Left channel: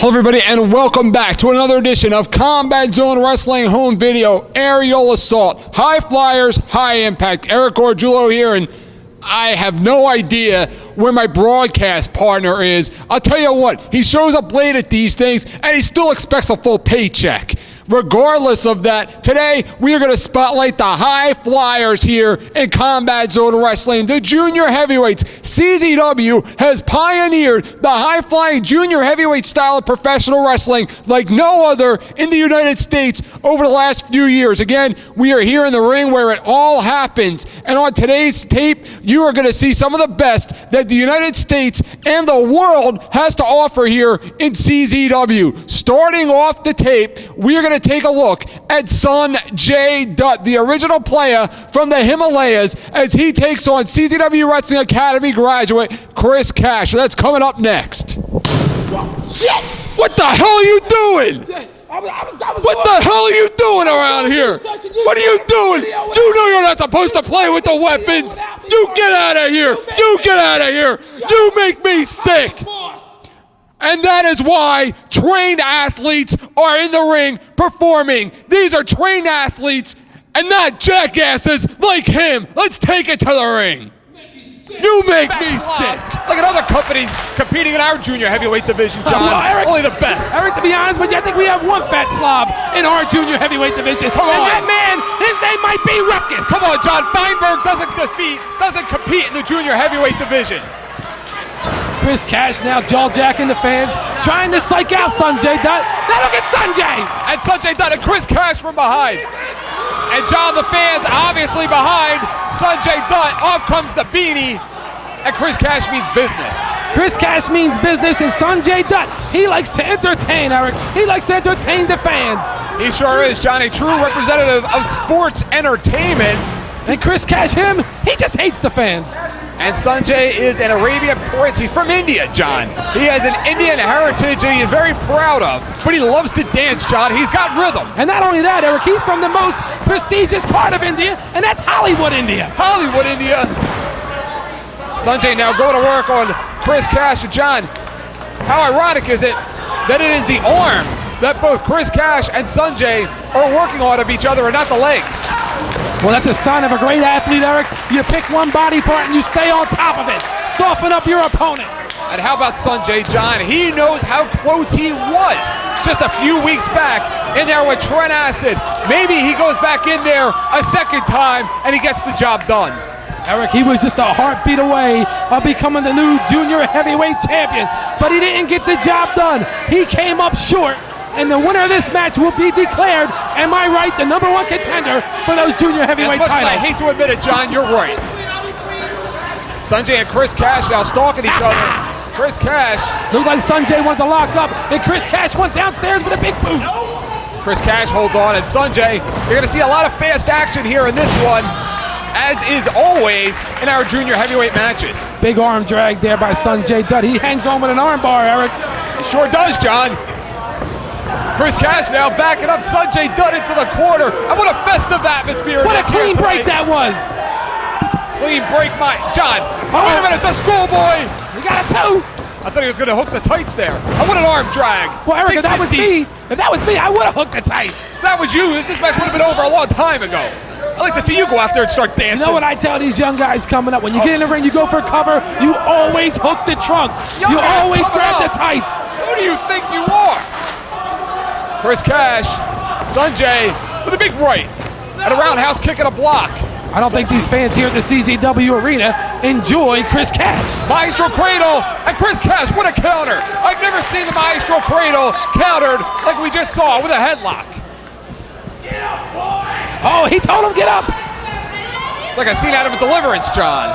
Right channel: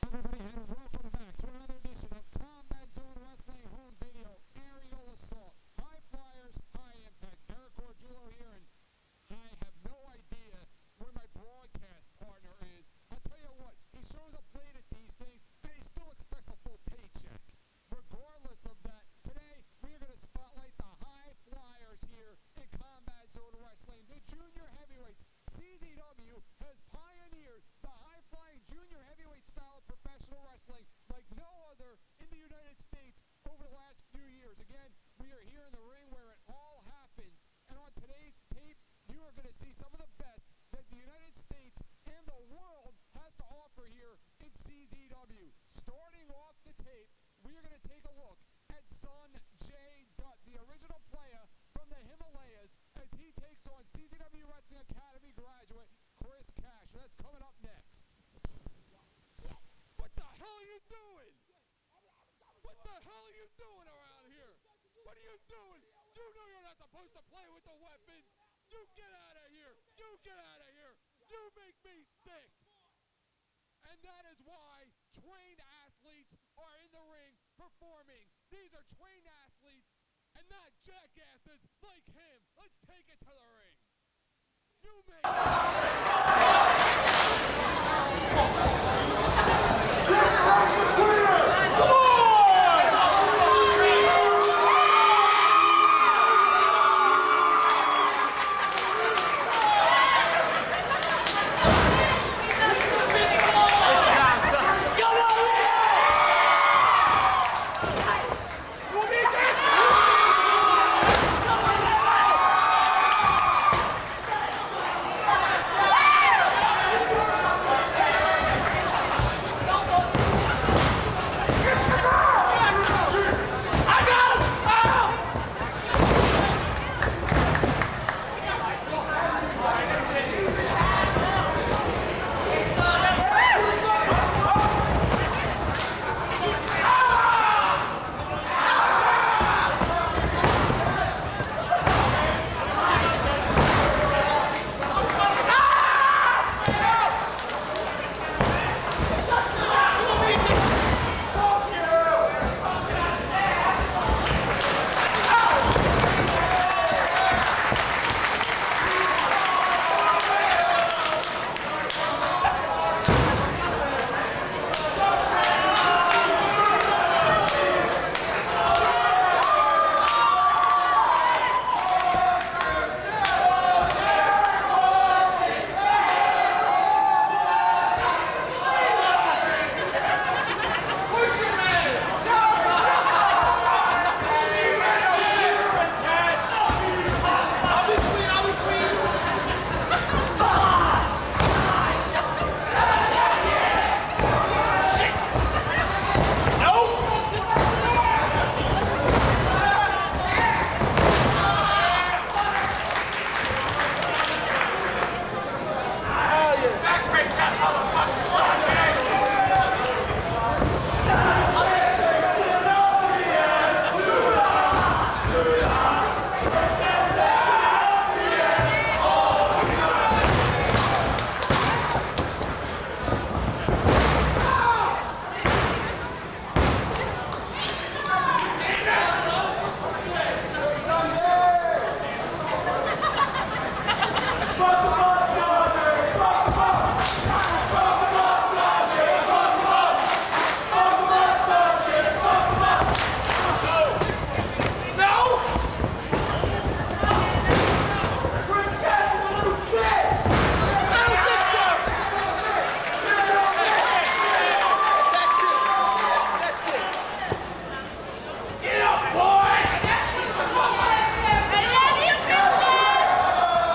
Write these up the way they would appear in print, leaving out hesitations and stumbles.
Hello everybody and welcome back to another edition of Combat Zone Wrestling Home Video Aerial Assault. High flyers, high impact. Eric Gorgiulo here, and I have no idea where my broadcast partner is. I'll tell you what, he shows up late at these things and he still expects a full paycheck. Regardless of that, today we are going to spotlight the high flyers here in Combat Zone Wrestling. The junior heavyweights. CZW has pioneered the high-flying junior heavyweight style of professional wrestling like no other in the United States over the last few years. Again, we are here in the ring where it all happens. And on today's tape, you are going to see some of the best that the United States and the world has to offer here in CZW. Starting off the tape, we are going to take a look at Sonjay Dutt, the original player from the Himalayas, as he takes on CZW Wrestling Academy graduate Chris Cash. That's coming up next. Shit! What the hell are you doing? What the hell are you doing around here? What are you doing? You know you're not supposed to play with the weapons. You get out of here. You get out of here. You make me sick. And that is why trained athletes are in the ring performing. These are trained athletes and not jackasses like him. Let's take it to the ring. You make me sick. Look at other companies competing in our junior heavyweight division, John. Eric, only the best. Eric, to be honest with you, I think we have one fat slob in our junior heavyweight division. Come on. And that man, his name might be Ruckus. Come on, John. Feinberg doesn't compete in the junior heavyweight division. Chris Cash now jaw-jacking the fans, trying to psych out Sonjay Dutt. Now look at Sonjay! And Sonjay Dutt and Chris Cash from behind. And John, the fans obviously behind Sonjay Dutt. Off comes the beanie. And Chris Cash means business. Chris Cash means business, and Sonjay Dutt, he likes to entertain, Eric. He likes to entertain the fans. He sure is, John. A true representative of sports entertainment. And Chris Cash, he just hates the fans. And Sonjay is an Arabian prince. He's from India, John. He has an Indian heritage that he is very proud of. But he loves to dance, John. He's got rhythm. And not only that, Eric, he's from the most prestigious part of India, and that's Hollywood, India. Hollywood, India. Sonjay now going to work on Chris Cash. And John, how ironic is it that it is the arm that both Chris Cash and Sonjay are working on of each other and not the legs? Well, that's a sign of a great athlete, Eric. You pick one body part and you stay on top of it. Soften up your opponent. And how about Sonjay, John? He knows how close he was just a few weeks back in there with Trent Acid. Maybe he goes back in there a second time and he gets the job done. Eric, he was just a heartbeat away of becoming the new junior heavyweight champion, but he didn't get the job done. He came up short. And the winner of this match will be declared, am I right, the #1 contender for those junior heavyweight titles. I hate to admit it, John, you're right. Sonjay and Chris Cash now stalking each other. Chris Cash. Looked like Sonjay wanted to lock up, and Chris Cash went downstairs with a big boot. Chris Cash holds on, and Sonjay, you're going to see a lot of fast action here in this one, as is always in our junior heavyweight matches. Big arm drag there by Sonjay Dutt. He hangs on with an arm bar, Eric. Sure does, John. Chris Cash now backing up Sonjay Dutt into the corner. And what a festive atmosphere. What a clean break that was. Clean break, my John. Wait a minute, the schoolboy. You got a two. I thought he was going to hook the tights there. Oh, what an arm drag. Well, Eric, if that was me, I would have hooked the tights. If that was you, this match would have been over a long time ago. I'd like to see you go out there and start dancing. You know what I tell these young guys coming up? When you get in the ring, you go for cover, you always hook the trunks. You always grab the tights. Who do you think you are? Chris Cash, Sonjay with a big right, and a roundhouse kick and a block. I don't think these fans here at the CZW Arena enjoy Chris Cash. Maestro Cradle and Chris Cash, what a counter. I've never seen the Maestro Cradle countered like we just saw with a headlock. Get up, boy! Oh, he told him get up. It's like a scene out of a Deliverance, John.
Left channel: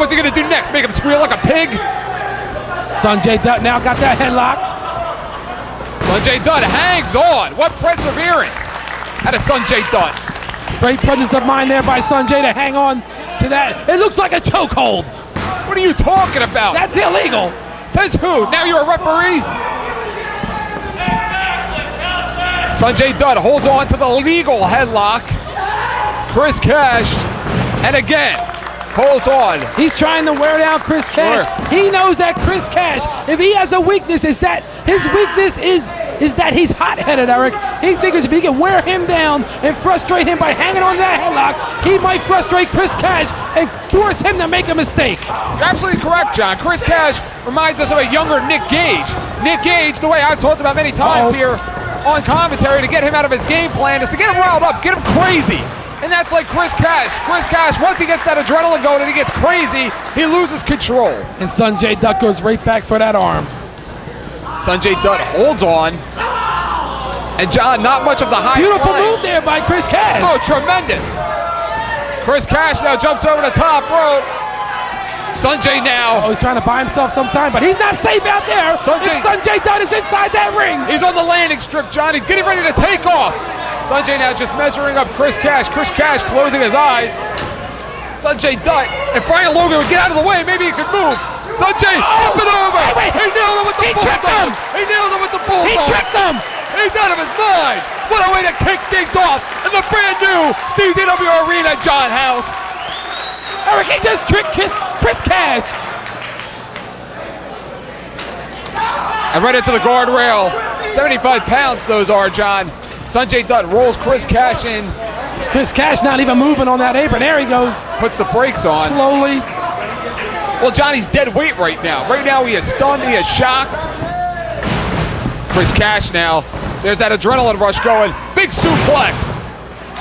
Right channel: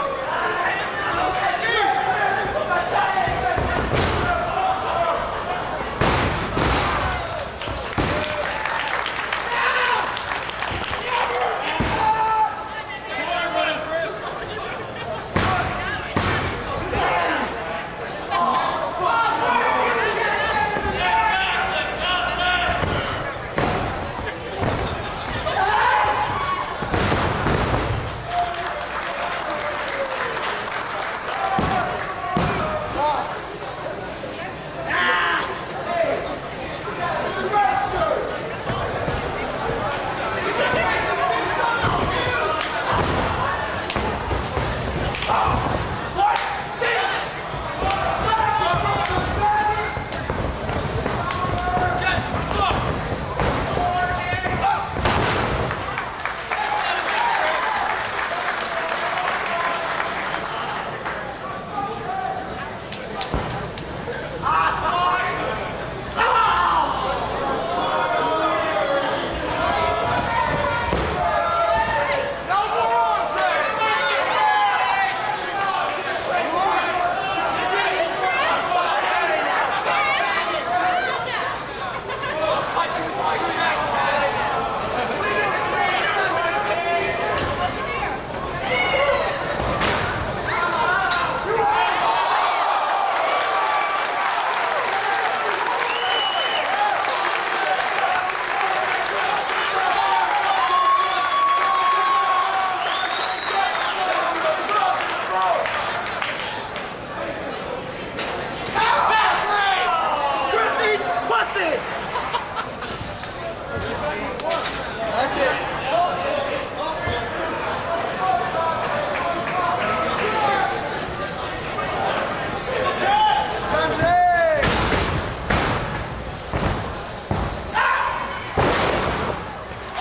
What's he gonna do next? Make him squeal like a pig? Sonjay Dutt now got that headlock. Sonjay Dutt hangs on. What perseverance out of Sonjay Dutt. Great presence of mind there by Sonjay to hang on to that. It looks like a chokehold. What are you talking about? That's illegal. Says who? Now you're a referee? Sonjay Dutt holds on to the legal headlock. Chris Cash, and again, holds on. He's trying to wear down Chris Cash. He knows that Chris Cash, if he has a weakness, is that his weakness is that he's hot-headed, Eric. He figures if he can wear him down and frustrate him by hanging on that headlock, he might frustrate Chris Cash and force him to make a mistake. You're absolutely correct, John. Chris Cash reminds us of a younger Nick Gage. Nick Gage, the way I've talked about many times here on commentary, to get him out of his game plan is to get him riled up, get him crazy. And that's like Chris Cash. Chris Cash, once he gets that adrenaline going and he gets crazy, he loses control. And Sanjay Dutt goes right back for that arm. Sanjay Dutt holds on. And John, not much of the high Beautiful flying. move there by Chris Cash. Oh, tremendous. Chris Cash now jumps over the top rope. Sanjay now. Oh, he's trying to buy himself some time, but he's not safe out there. Sanjay Dutt is inside that ring. He's on the landing strip, John. He's getting ready to take off. Sanjay now just measuring up Chris Cash. Chris Cash closing his eyes. Sanjay Dutt. If Brian Logan would get out of the way, maybe he could move. Sanjay, up and over. Wait. He nailed him with the bulldog. He nailed him with the bulldog. He tricked him. He's out of his mind. What a way to kick things off in the brand new CZW Arena, John House. Eric, he just tricked Chris Cash. And right into the guardrail. 75 pounds those are, John. Sanjay Dutt rolls Chris Cash in. Chris Cash not even moving on that apron. There he goes. Puts the brakes on. Slowly. Well, John, he's dead weight right now. Right now he is stunned, he is shocked. Chris Cash now. There's that adrenaline rush going. Big suplex.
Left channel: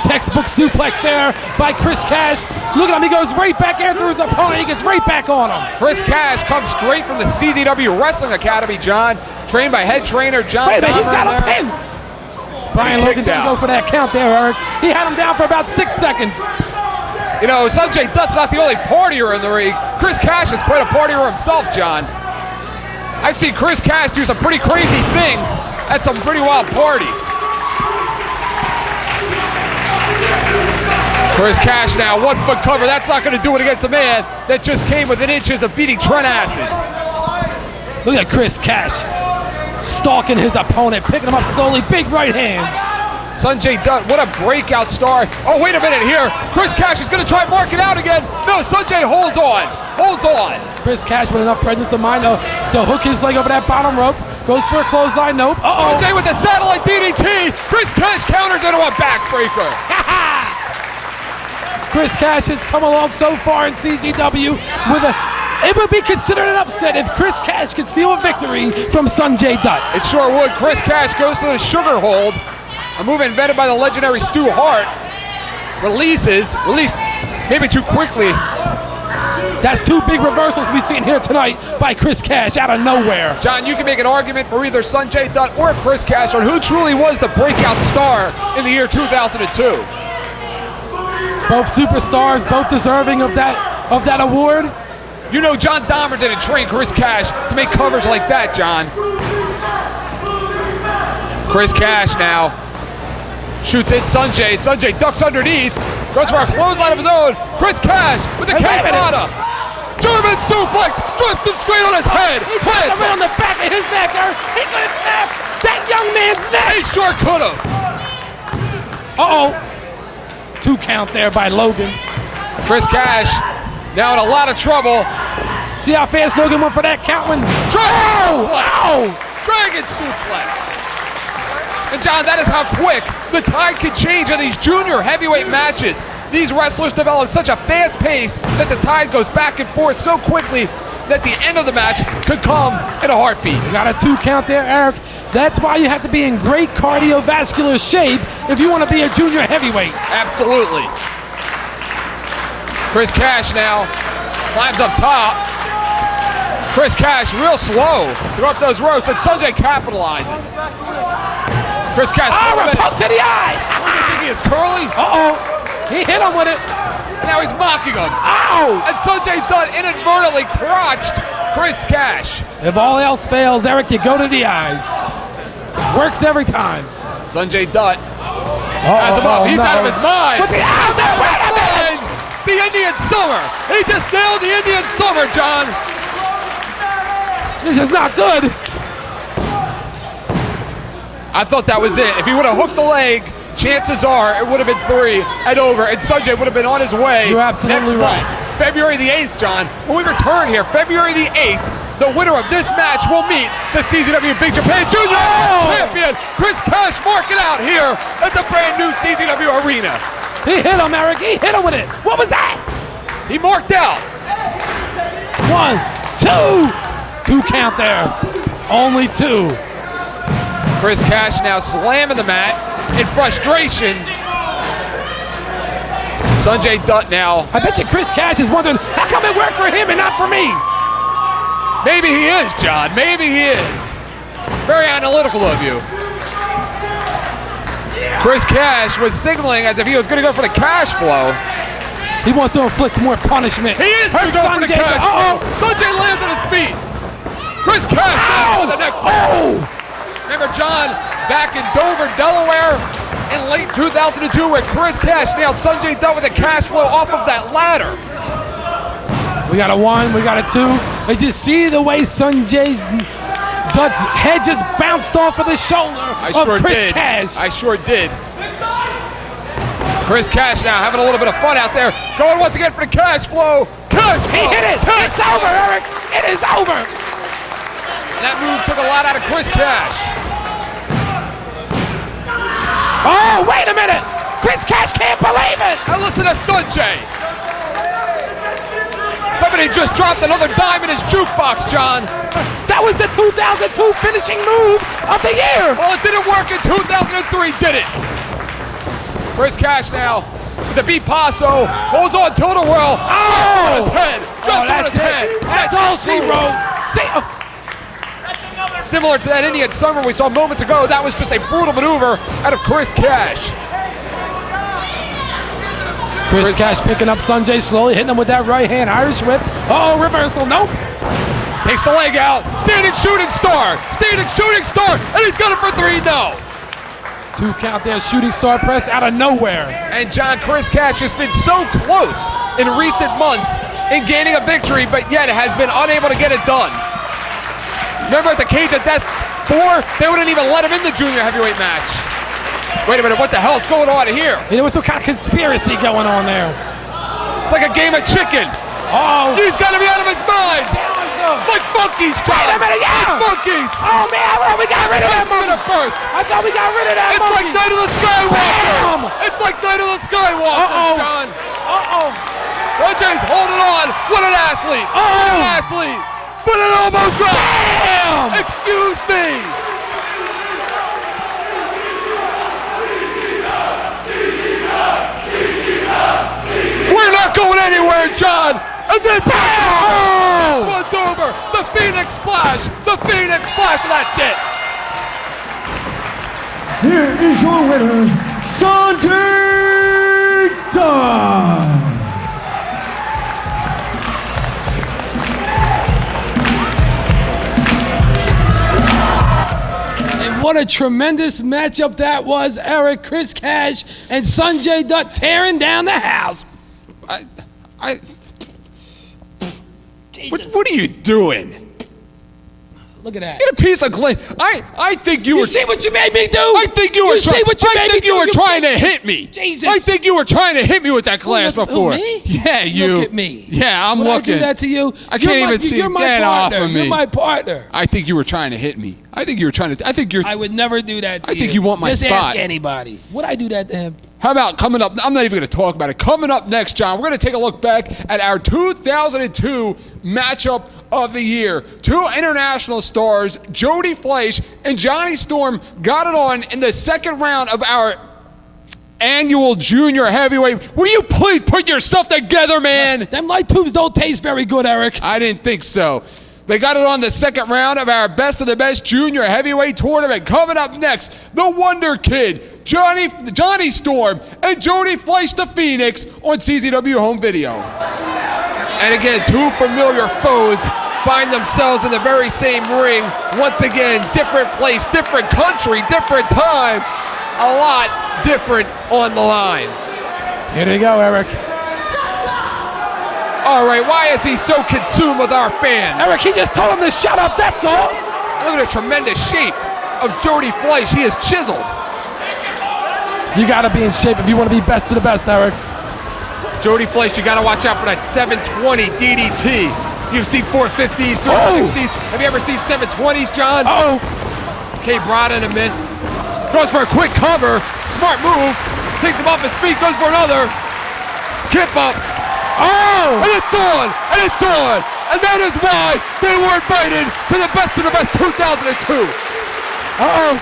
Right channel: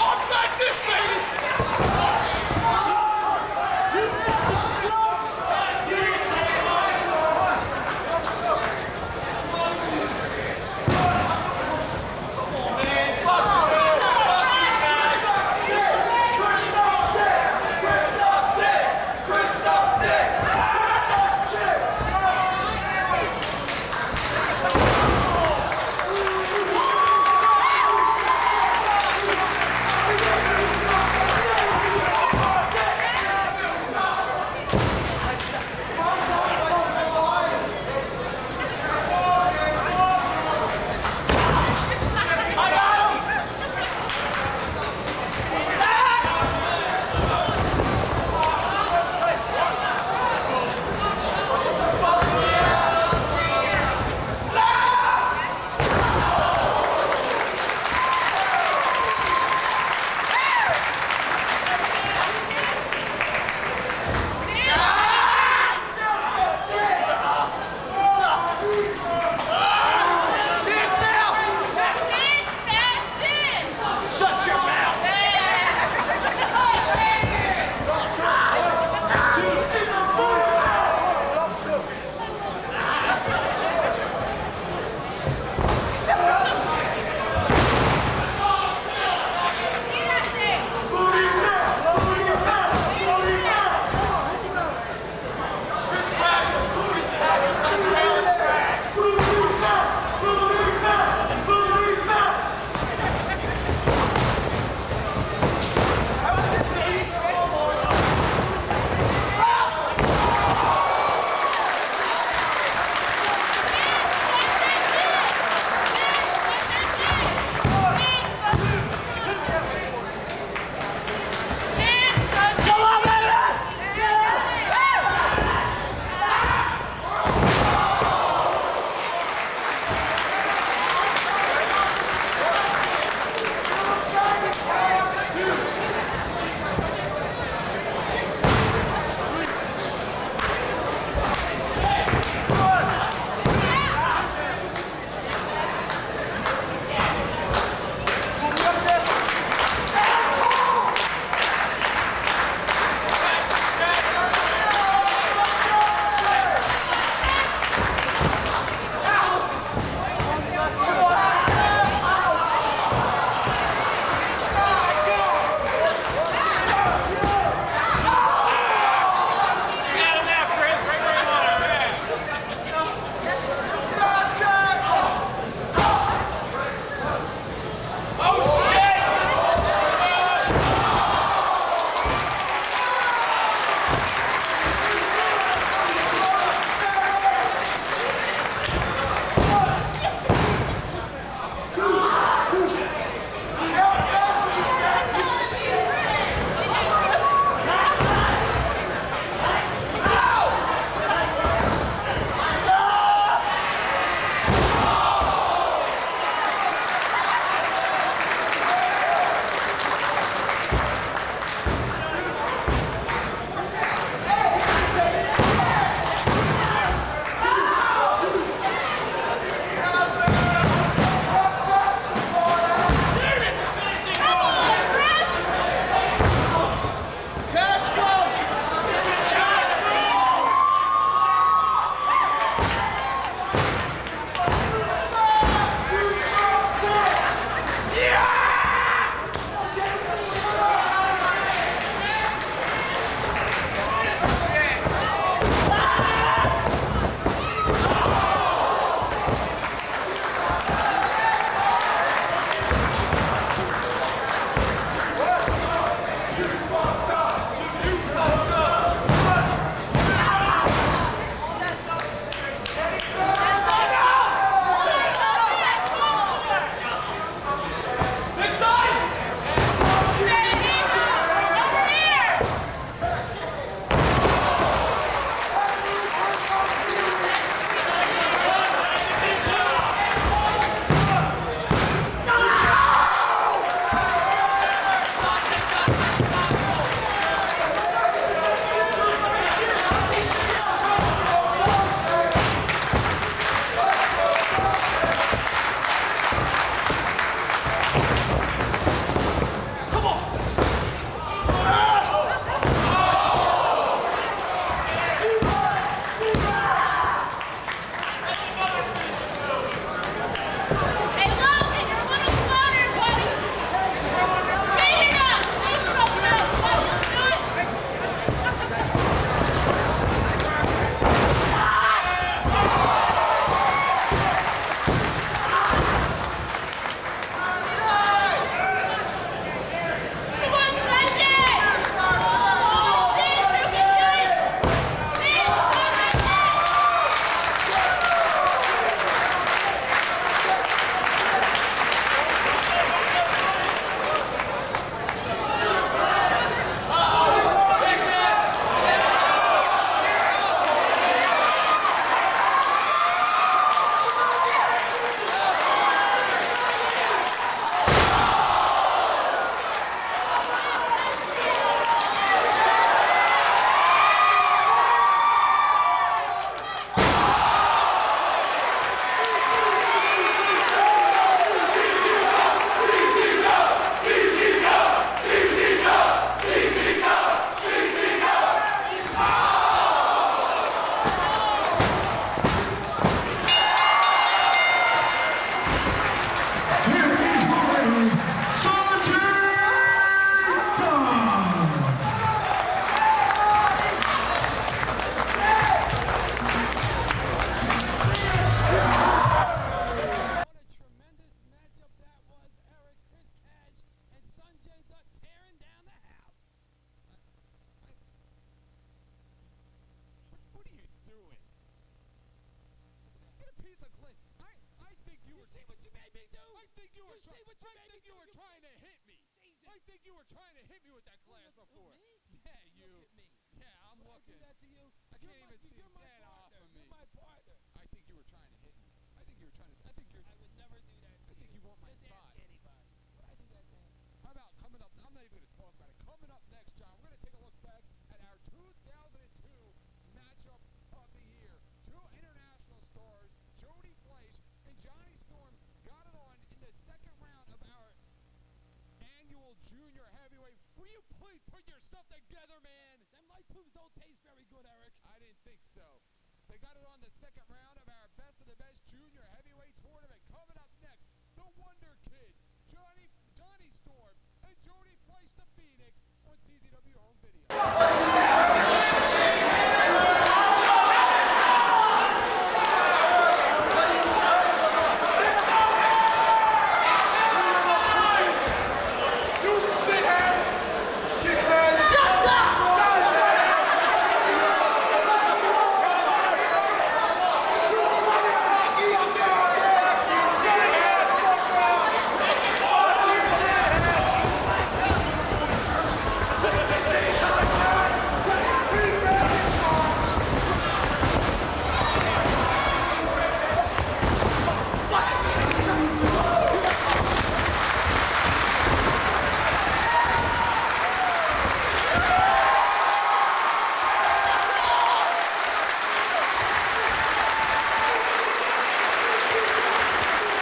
Textbook suplex there by Chris Cash. Look at him, he goes right back after his opponent. He gets right back on him. Chris Cash comes straight from the CZW Wrestling Academy, John. Trained by head trainer John. Wait a minute, he's got a pin. Brian Logan didn't go for that count there, Eric. He had him down for about 6 seconds. You know, Sanjay Dutt's not the only partier in the ring. Chris Cash is quite a partier himself, John. I've seen Chris Cash do some pretty crazy things at some pretty wild parties. Chris Cash now, 1 foot cover. That's not going to do it against a man that just came within inches of beating Trent Acid. Look at Chris Cash stalking his opponent, picking him up slowly, big right hands. Sanjay Dutt, what a breakout star. Oh, wait a minute here. Chris Cash is going to try and mark it out again. No, Sanjay holds on. Chris Cash with enough presence of mind to hook his leg over that bottom rope. Goes for a clothesline, nope. Sanjay with the satellite DDT. Chris Cash counters into a backbreaker. Chris Cash has come along so far in CZW with it would be considered an upset if Chris Cash could steal a victory from Sanjay Dutt. It sure would. Chris Cash goes to the sugar hold. A move invented by the legendary Stu Hart. Released maybe too quickly. That's 2 big reversals we've seen here tonight by Chris Cash out of nowhere. John, you can make an argument for either Sanjay Dutt or Chris Cash on who truly was the breakout star in the year 2002. Both superstars, both deserving of that award. You know John Dahmer didn't train Chris Cash to make covers like that, John. Chris Cash now shoots in Sanjay. Sanjay ducks underneath. Goes for a clothesline of his own. Chris Cash with the Canada. German suplex. Drips him straight on his head. Around the back of his neck. He could snap that young man's neck. He sure could have. Uh-oh. 2 count there by Logan. Chris Cash now in a lot of trouble. See how fast Logan went for that count when... Wow! Dragon suplex. And John, that is how quick the tide can change in these junior heavyweight matches. These wrestlers develop such a fast pace that the tide goes back and forth so quickly that the end of the match could come in a heartbeat. Got a 2 count there, Eric. That's why you have to be in great cardiovascular shape if you want to be a junior heavyweight. Absolutely. Chris Cash now climbs up top. Chris Cash real slow through up those ropes, and Sanjay capitalizes. Chris Cash. Up to the eye. He is curling. He hit him with it. Now he's mocking him. And Sanjay Dutt inadvertently crotched Chris Cash. If all else fails, Eric, you go to the eyes. Works every time. Sanjay Dutt has him up. He's out of his mind. The Indian Summer. He just nailed the Indian Summer, John. This is not good. I thought that was it. If he would have hooked the leg, chances are it would have been 3 and over, and Sanjay would have been on his way. You're absolutely next right. month, February the 8th, John. When we return here, February the 8th, the winner of this match will meet the CZW Big Japan Junior Champion Chris Cash. Mark it out here at the brand new CZW Arena. He hit him, Eric. He hit him with it. What was that? He marked out. 1, 2. 2 count there. Only 2. Chris Cash now slamming the mat in frustration. Sanjay Dutt now. I bet you Chris Cash is wondering, how come it worked for him and not for me? Maybe he is, John. Maybe he is. Very analytical of you. Chris Cash was signaling as if he was going to go for the cash flow. He wants to inflict more punishment. He is going to go for the cash flow. Sanjay lands on his feet. Chris Cash down the neck. Remember, John, back in Dover, Delaware, in late 2002, where Chris Cash nailed Sanjay Dutt with a cash flow off of that ladder. We got a 1, we got a 2. Did you see the way Sanjay Dutt's head just bounced off of the shoulder of Chris Cash? I sure did. Chris Cash now having a little bit of fun out there. Going once again for the cash flow. He hit it. It's over, Eric. It is over. That move took a lot out of Chris Cash. Oh, wait a minute. Chris Cash can't believe it. Now listen to Sanjay. Somebody just dropped another dime in his jukebox, John. That was the 2002 finishing move of the year. Well, it didn't work in 2003, did it? Chris Cash now, the beat Paso, holds on to the world. Oh! His head, just on his head. That's all she wrote. Similar to that Indian Summer we saw moments ago, that was just a brutal maneuver out of Chris Cash. Chris Cash picking up Sanjay slowly, hitting him with that right hand Irish whip. Oh, reversal, nope. Takes the leg out, standing shooting star, and he's got it for 3, no. 2 count there, shooting star press out of nowhere. And John, Chris Cash has been so close in recent months in gaining a victory, but yet has been unable to get it done. Remember at the Cage of Death 4, they wouldn't even let him in the junior heavyweight match. Wait a minute, what the hell's going on here? There was some kind of conspiracy going on there. It's like a game of chicken. Oh, He's got to be out of his mind. Like monkeys, John. Wait a minute, yeah. Like monkeys. Oh man, I thought we got rid of that monkey. First. I thought we got rid of that It's monkey. like Night of the Skywalker. Bam! It's like Night of the Skywalker, Uh-oh. John. Sanjay's holding on. What an athlete. What an athlete. But an elbow drop. Bam! Excuse me. We're not going anywhere, John. And then this one's over. The Phoenix Splash. The Phoenix Splash. That's it. Here is your winner, Sanjay Dutt. And what a tremendous matchup that was, Eric. Chris Cash and Sanjay Dutt tearing down the house. What are you doing? Look at that. Get a piece of glass. I think you You were. see what you made me do? I think you were. see what you I made think me you do? were trying to hit me. Jesus. I think you were trying to hit me with that glass Who, before. me? Yeah, you. Look at me. Yeah, I'm Would looking. I do that to you? I can't even see. You're my Get off partner. of me. You're my partner. I think you were trying to hit me. I think you were trying to. I think you're. I would never do that to you. I think you want my Just spot. ask anybody. Would I do that to him? How about coming up? I'm not even going to talk about it. Coming up next, John, we're going to take a look back at our 2002 matchup of the year. 2 international stars, Jody Fleisch and Johnny Storm, got it on in the second round of our annual junior heavyweight. Will you please put yourself together, man? Them light tubes don't taste very good, Eric. I didn't think so. They got it on the second round of our Best of the Best Junior Heavyweight Tournament. Coming up next, the Wonder Kid, Johnny Storm, and Jody Fleisch the Phoenix on CZW Home Video. And again, 2 familiar foes find themselves in the very same ring. Once again, different place, different country, different time. A lot different on the line. Here you go, Eric. All right, why is he so consumed with our fans? Eric, he just told him to shut up, that's all. Look at the tremendous shape of Jody Fleisch. He is chiseled. You got to be in shape if you want to be best of the best, Eric. Jody Fleisch, you got to watch out for that 720 DDT. You've seen 450s, 360s. Have you ever seen 720s, John? Uh-oh. Cape Rod and a miss. Goes for a quick cover. Smart move. Takes him off his feet. Goes for another. Kip up. Oh! And it's on! And it's on! And that is why they were invited to the Best of the Best 2002. Uh-oh.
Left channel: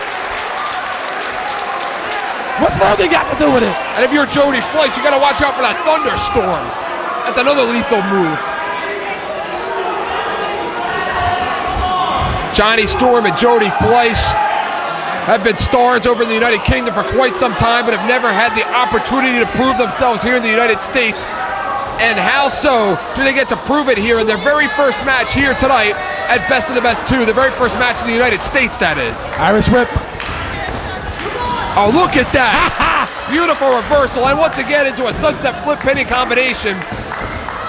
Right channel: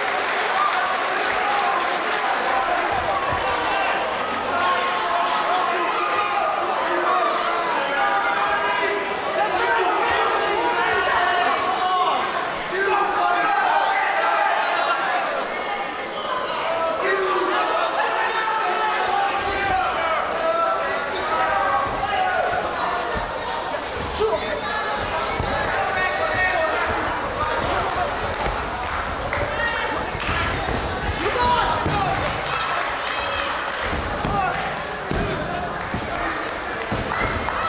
What's Logan got to do with it? And if you're Jody Fleisch, you got to watch out for that thunderstorm. That's another lethal move. Johnny Storm and Jody Fleisch have been stars over in the United Kingdom for quite some time, but have never had the opportunity to prove themselves here in the United States. And how so do they get to prove it here in their very first match here tonight at Best of the Best 2, the very first match in the United States, that is. Irish whip. Oh, look at that. Beautiful reversal, and once again into a sunset flip penny combination.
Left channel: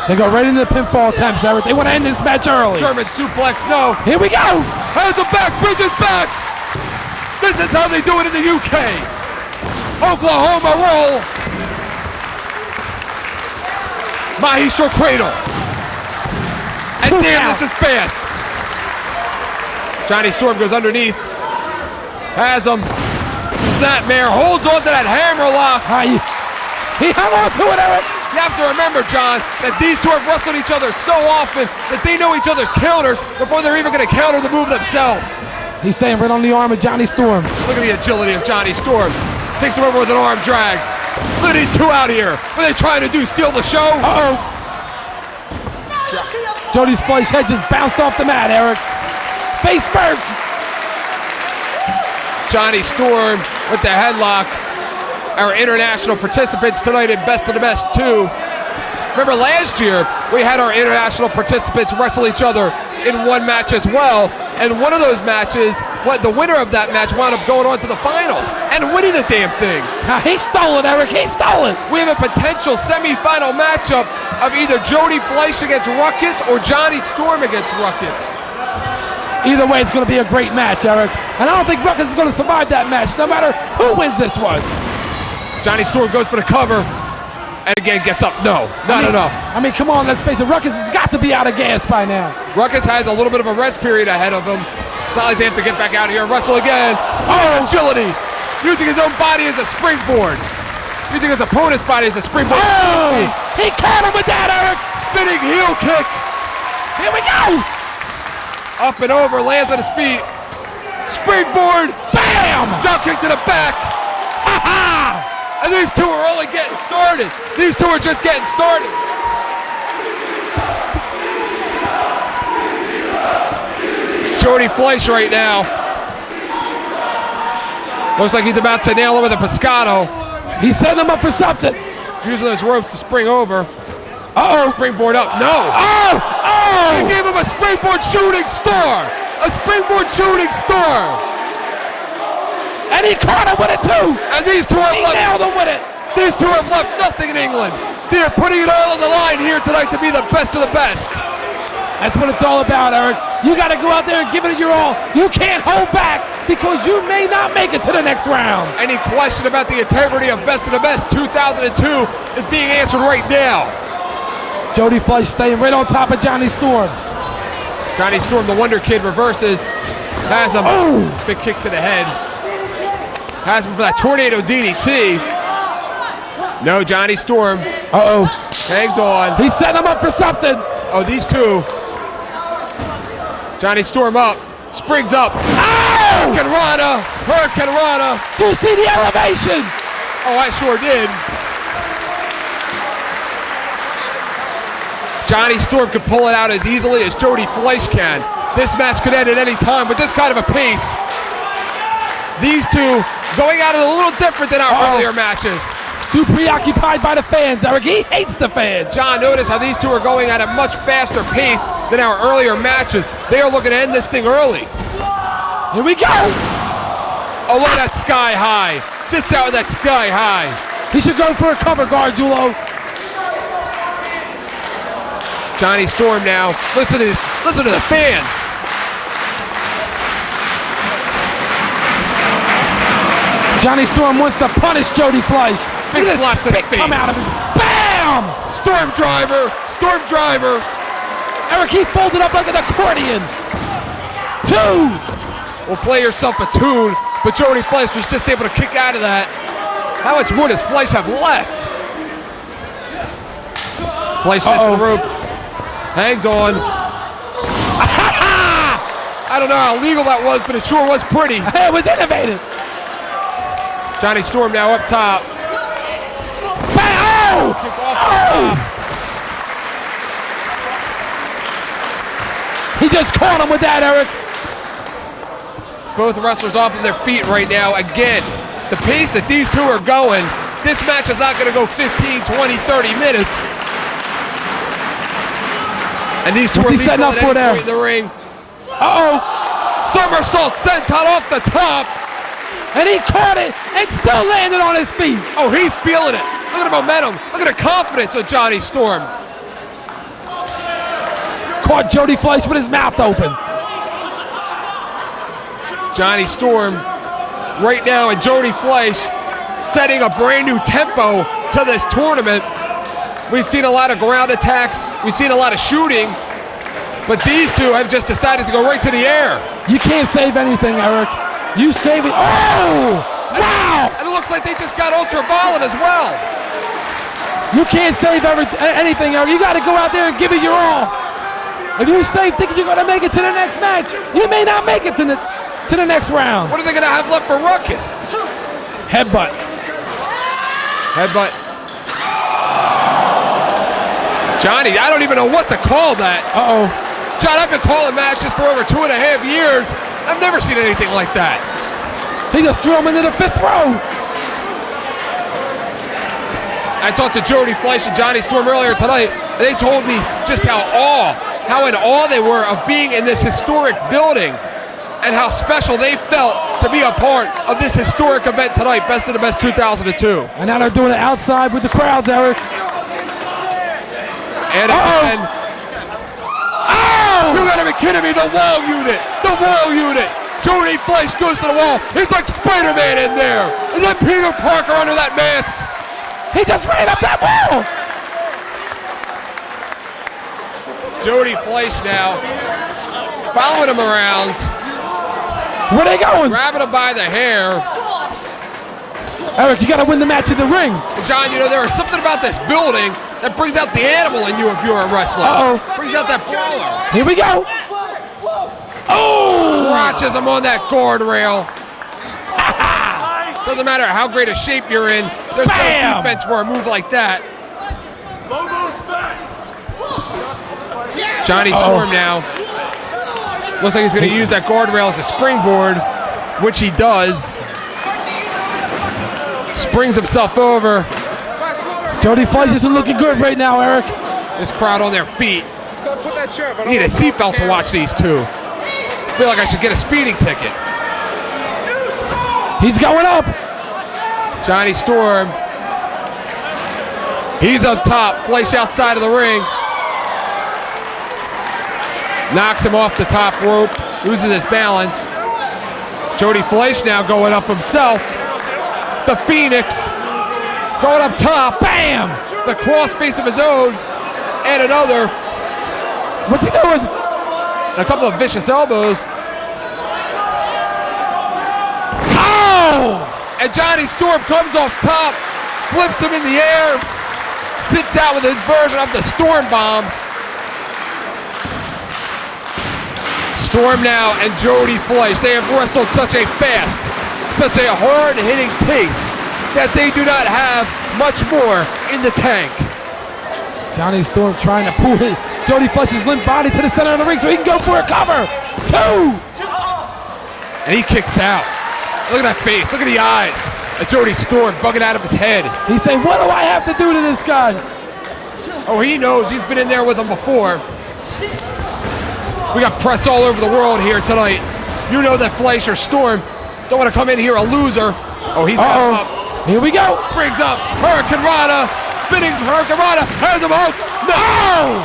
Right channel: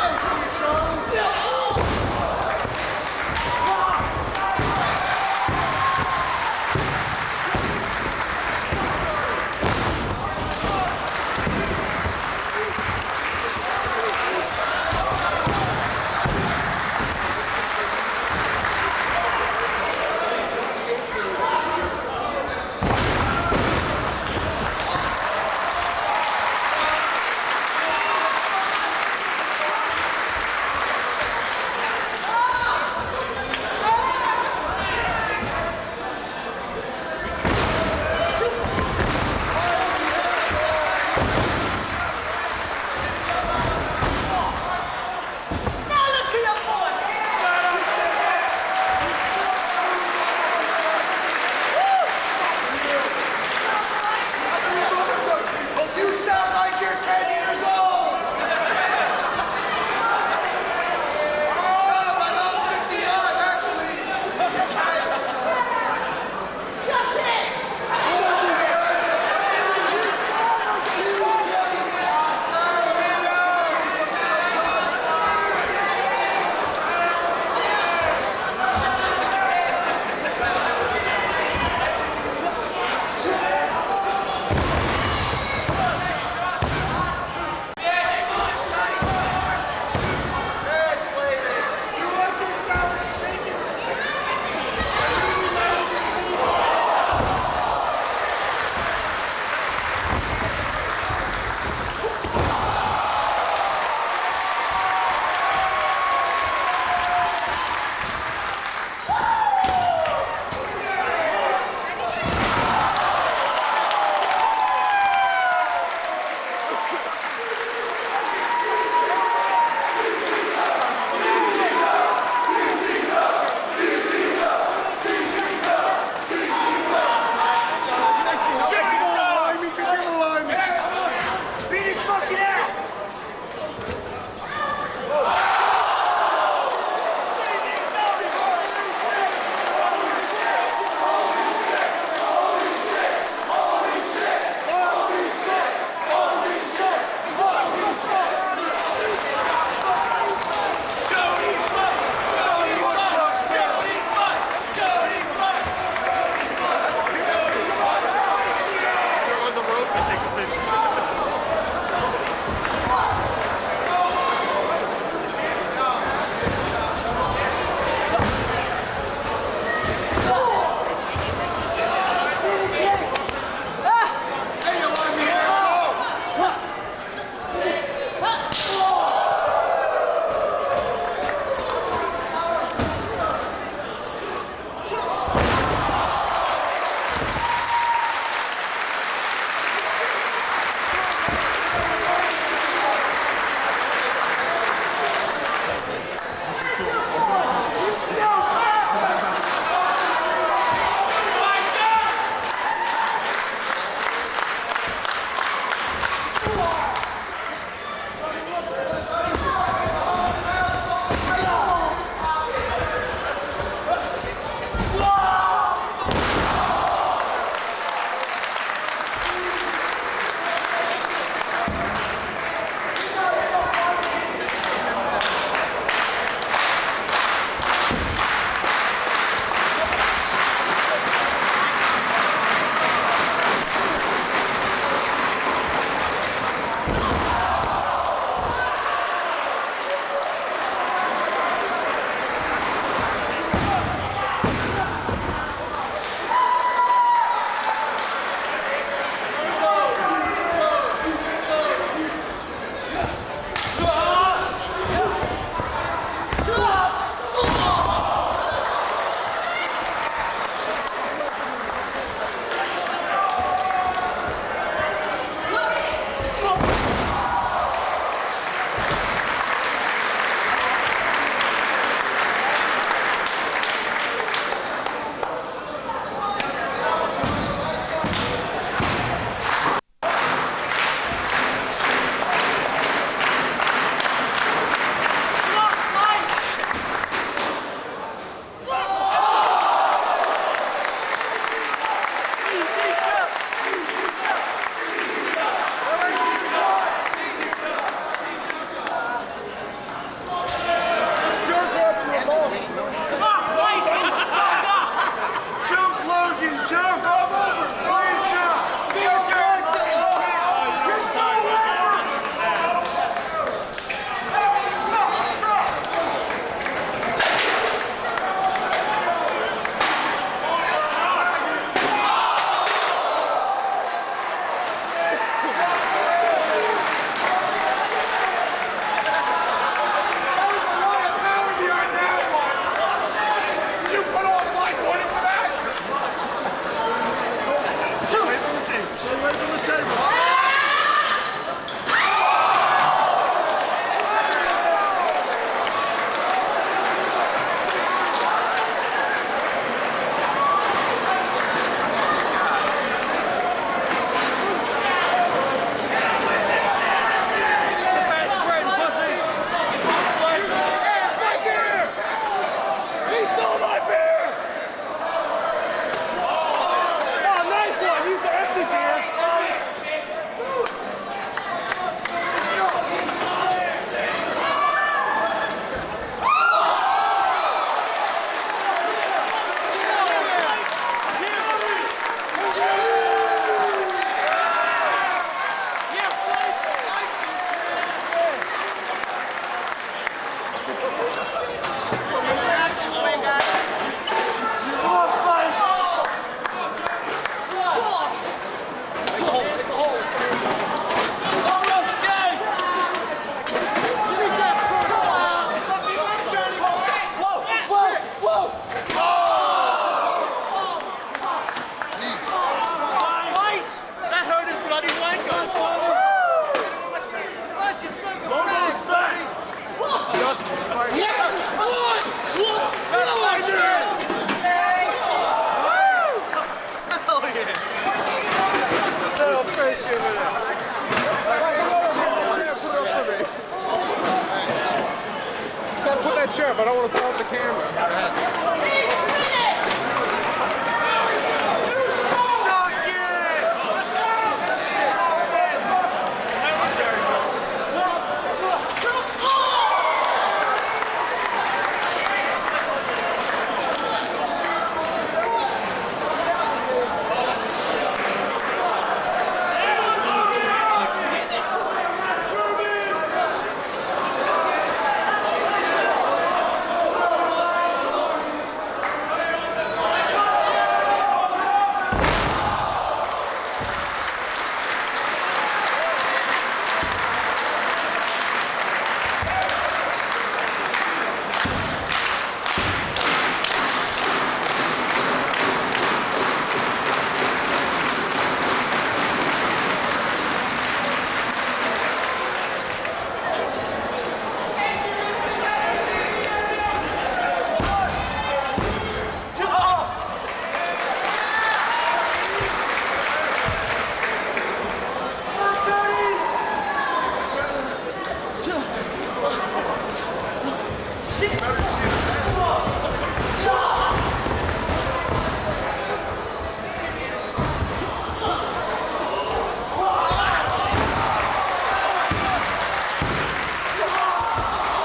They go right into the pinfall attempts, Eric. They want to end this match early. German suplex, no. Here we go. Hands him back, Bridges back. This is how they do it in the UK. Oklahoma roll. Maestro cradle. And damn, this is fast. Johnny Storm goes underneath. Has him. Snapmare holds on to that hammer lock. He hung on to it, Eric. You have to remember, John, that these two have wrestled each other so often that they know each other's counters before they're even going to counter the move themselves. He's staying right on the arm of Johnny Storm. Look at the agility of Johnny Storm. Takes him over with an arm drag. Look at these two out here. What are they trying to do, steal the show? Uh-oh. Jody's Fleisch head just bounced off the mat, Eric. Face first. Johnny Storm with the headlock. Our international participants tonight in Best of the Best 2. Remember last year, we had our international participants wrestle each other in one match as well. And one of those matches, the winner of that match wound up going on to the finals and winning the damn thing. He stole it, Eric. He stole it. We have a potential semi-final matchup of either Jody Fleisch against Ruckus or Johnny Storm against Ruckus. Either way, it's going to be a great match, Eric. And I don't think Ruckus is going to survive that match, no matter who wins this one. Johnny Storm goes for the cover, and again gets up. No, not enough. I mean, come on, let's face it. Ruckus has got to be out of gas by now. Ruckus has a little bit of a rest period ahead of him. It's not like they have to get back out here and wrestle again. Oh, agility. Using his own body as a springboard. Using his opponent's body as a springboard. Oh, he caught him with that, Eric. Spinning heel kick. Here we go. Up and over, lands on his feet. Springboard. Bam! Drop kick to the back. Ha-ha! And these two are only getting started. These two are just getting started. Jody Fleisch right now. Looks like he's about to nail him with a pescado. He's setting him up for something. Using those ropes to spring over. Uh-oh. Springboard up. No. Oh! Oh! He gave him a springboard shooting star. A springboard shooting star. And he caught him with it too. And these two have nailed him with it. These two have left nothing in England. They're putting it all on the line here tonight to be the best of the best. That's what it's all about, Eric. You got to go out there and give it your all. You can't hold back because you may not make it to the next round. Any question about the integrity of Best of the Best 2002 is being answered right now. Jody Fleisch staying right on top of Johnny Storm. Johnny Storm, the Wonder Kid, reverses. Has him. Oh. Big kick to the head. Has him for that tornado DDT. No, Johnny Storm. Uh-oh. Hangs on. He's setting him up for something. Oh, these two. Johnny Storm up. Springs up. Oh! Hurricane Rana. Do you see the elevation? Oh, I sure did. Johnny Storm could pull it out as easily as Jody Fleisch can. This match could end at any time with this kind of a pace. These two going out a little different than our earlier matches. Too preoccupied by the fans, Eric. He hates the fans. John, notice how these two are going at a much faster pace than our earlier matches. They are looking to end this thing early. Here we go. Oh, look at that sky high. Sits out with that sky high. He should go for a cover guard, Julo. Johnny Storm now. Listen to this. Listen to the fans. Johnny Storm wants to punish Jody Fleisch. Big Look at slap to the spit face. come out of him. Bam! Storm driver, storm driver. Eric, he folded up like an accordion. 2. Well, play yourself a tune, but Jody Fleisch was just able to kick out of that. How much more does Fleisch have left? Fleisch sets the ropes, hangs on. I don't know how legal that was, but it sure was pretty. It was innovative. Johnny Storm now up top. He just caught him with that, Eric. Both wrestlers off of their feet right now. Again, the pace that these two are going, this match is not going to go 15, 20, 30 minutes. And these two What's are he setting up equal for at there? any point in the ring. Uh-oh. Somersault senton off the top. And he caught it and still landed on his feet. Oh, he's feeling it. Look at the momentum. Look at the confidence of Johnny Storm. Caught Jody Fleisch with his mouth open. Johnny Storm right now and Jody Fleisch setting a brand new tempo to this tournament. We've seen a lot of ground attacks. We've seen a lot of shooting. But these two have just decided to go right to the air. You can't save anything, Eric. You save it. Oh! Wow! And it looks like they just got ultraviolet as well. You can't save anything, Eric. You got to go out there and give it your all. If you save thinking you're going to make it to the next match, you may not make it to the next round. What are they going to have left for Ruckus? Headbutt. Headbutt. Johnny, I don't even know what to call that. Uh-oh. John, I've been calling matches for over 2.5 years. I've never seen anything like that. He just threw him into the 5th row. I talked to Jody Fleisch and Johnny Storm earlier tonight. They told me just how in awe they were of being in this historic building and how special they felt to be a part of this historic event tonight, Best of the Best 2002. And now they're doing it outside with the crowds, Eric. And again, you gotta be kidding me, the wall unit. Jody Fleisch goes to the wall. He's like Spider-Man in there. Is that Peter Parker under that mask? He just ran up that wall. Jody Fleisch now following him around, Where they going? grabbing him by the hair. Eric, you got to win the match in the ring. John, you know, there is something about this building that brings out the animal in you if you're a wrestler. Uh-oh. Brings out that Here we go. oh! Crotches him on that guardrail. Doesn't matter how great a shape you're in, there's no Bam! defense for a move like that. Johnny Storm now. Looks like he's going to use that guardrail as a springboard, which he does. Springs himself over. Jody Fleisch isn't looking good right now, Eric. This crowd on their feet. Need a seatbelt to watch these two. I feel like I should get a speeding ticket. He's going up. Johnny Storm. He's up top. Fleisch outside of the ring. Knocks him off the top rope. Loses his balance. Jody Fleisch now going up himself. The Phoenix. Going up top. Bam! The cross face of his own. And another. What's he doing? A couple of vicious elbows. And Johnny Storm comes off top, flips him in the air, sits out with his version of the Storm Bomb. Storm now and Jody Fleisch, they have wrestled such a fast, such a hard-hitting pace that they do not have much more in the tank. Johnny Storm trying to pull Jody Fleisch's limp body to the center of the ring so he can go for a cover. 2. And he kicks out. Look at that face, look at the eyes. And Jody Storm bugging out of his head. He's saying, what do I have to do to this guy? Oh, he knows, he's been in there with him before. We got press all over the world here tonight. You know that Fleisch or Storm don't want to come in here a loser. Oh, he's got him up. Here we go. Springs up, Hurricane Rana, spinning Hurricane Rana, has him hooked. No!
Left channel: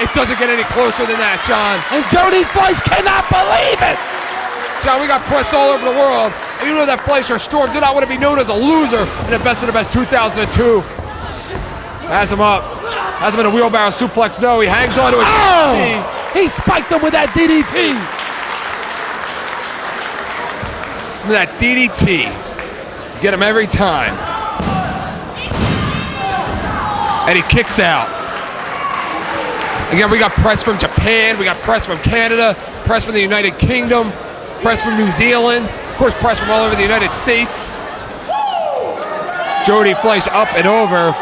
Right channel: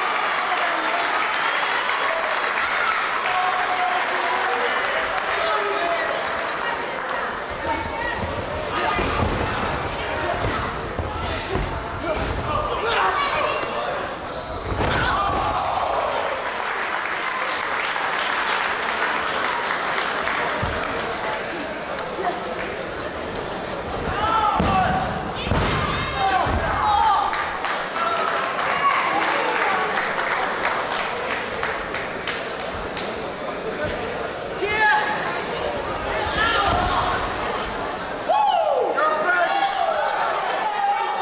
It doesn't get any closer than that, John. And Jody Fleisch cannot believe it. John, we got press all over the world. And you know that Fleischer Storm did not want to be known as a loser in the Best of the Best 2002. Has him up. Has him in a wheelbarrow suplex. No, he hangs on to his DDT. He spiked him with that DDT. With that DDT. Get him every time. And he kicks out. Again, we got press from Japan, we got press from Canada, press from the United Kingdom, press from New Zealand, of course press from all over the United States. Jody Fleisch up and over.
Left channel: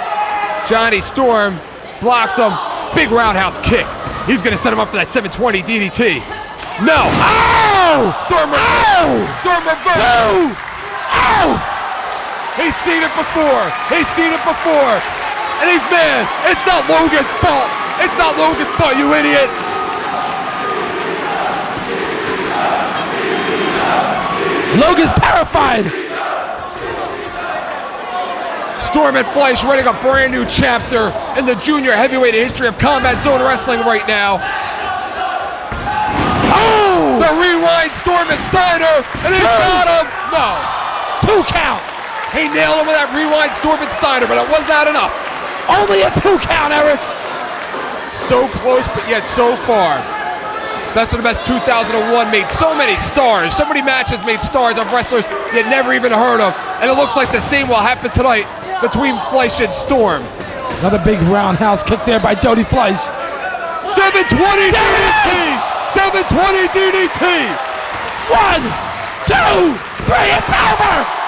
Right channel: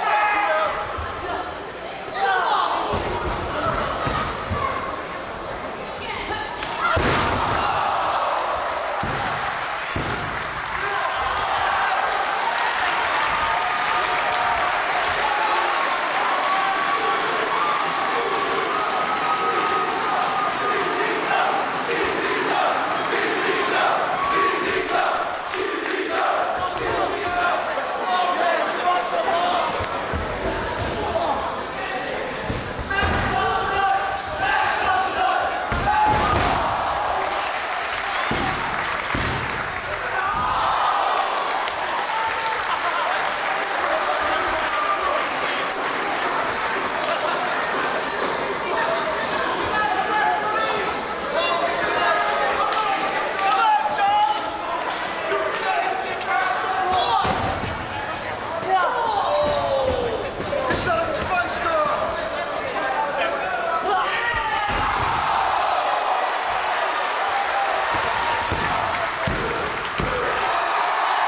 Johnny Storm blocks him. Big roundhouse kick. He's gonna set him up for that 720 DDT. No! Oh! Storm reverse! Storm reverse! Oh! He's seen it before. He's seen it before. And he's mad. It's not Logan's fault. It's not Logan's fault, you idiot. Logan's terrified. Storm and Fleisch running a brand new chapter in the junior heavyweight history of Combat Zone Wrestling right now. Oh! The rewind Storm and Steiner, and he got him. No. 2 count. He nailed him with that rewind Storm and Steiner, but it was not enough. Only a 2 count, Eric. So close, but yet so far. Best of the Best 2001 made so many stars, so many matches made stars of wrestlers you never even heard of. And it looks like the same will happen tonight between Fleisch and Storm. Another big roundhouse kick there by Jody Fleisch. 720 DDT! 720 DDT! 1, 2, 3, it's over!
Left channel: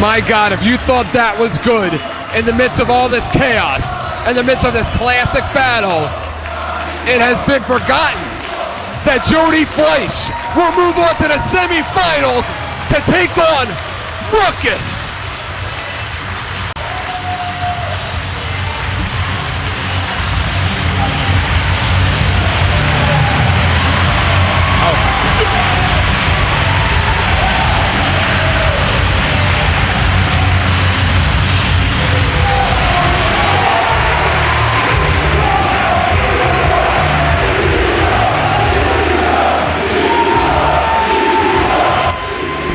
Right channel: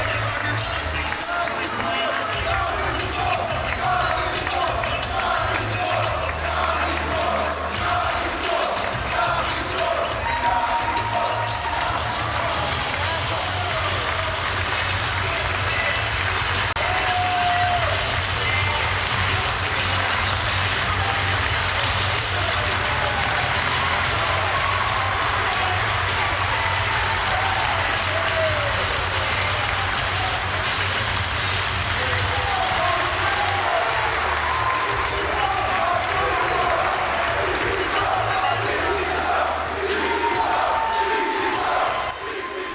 My God, if you thought that was good in the midst of all this chaos, in the midst of this classic battle, it has been forgotten that Jody Fleisch will move on to the semifinals to take on Ruckus.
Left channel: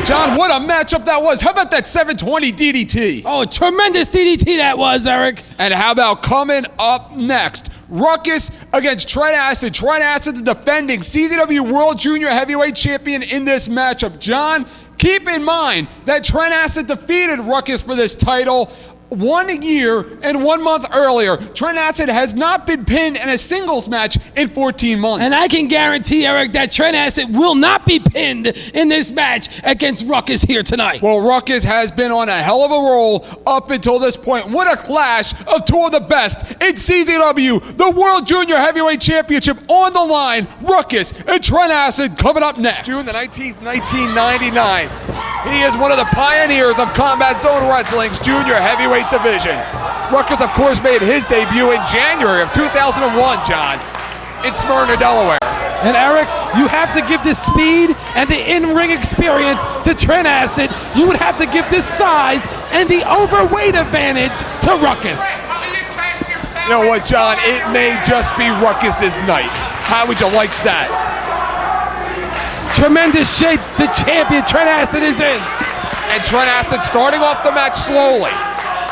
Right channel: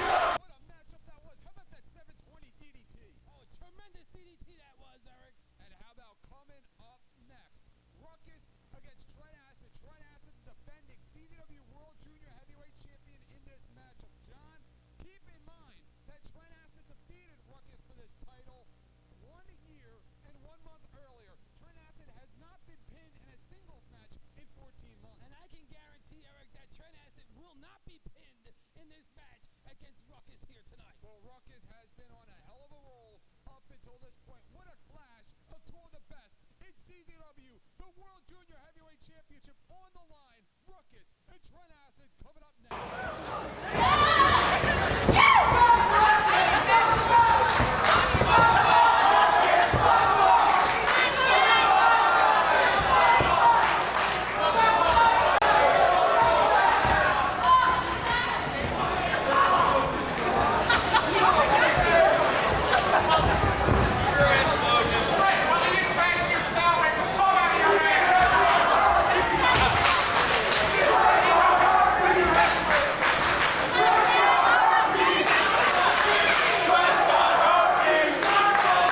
John, what a matchup that was. How about that 720 DDT? Oh, tremendous DDT that was, Eric. And how about coming up next? Ruckus against Trent Acid. Trent Acid, the defending CZW World Junior Heavyweight Champion in this matchup. John, keep in mind that Trent Acid defeated Ruckus for this title 1 year and 1 month earlier. Trent Acid has not been pinned in a singles match in 14 months. And I can guarantee, Eric, that Trent Acid will not be pinned in this match against Ruckus here tonight. Well, Ruckus has been on a hell of a roll up until this point. What a clash of two of the best in CZW. The World Junior Heavyweight Championship on the line. Ruckus and Trent Acid coming up next. June the 19th, 1999. He is one of the pioneers of Combat Zone Wrestling's junior heavyweight division. Ruckus, of course, made his debut in January of 2001, John, in Smyrna, Delaware. And Eric, you have to give this speed and the in-ring experience to Trent Acid. You would have to give this size and the overweight advantage to Ruckus. You know what, John? It may just be Ruckus's night. How would you like that? Tremendous shape the champion Trent Acid is in. And Trent Acid starting off the match slowly,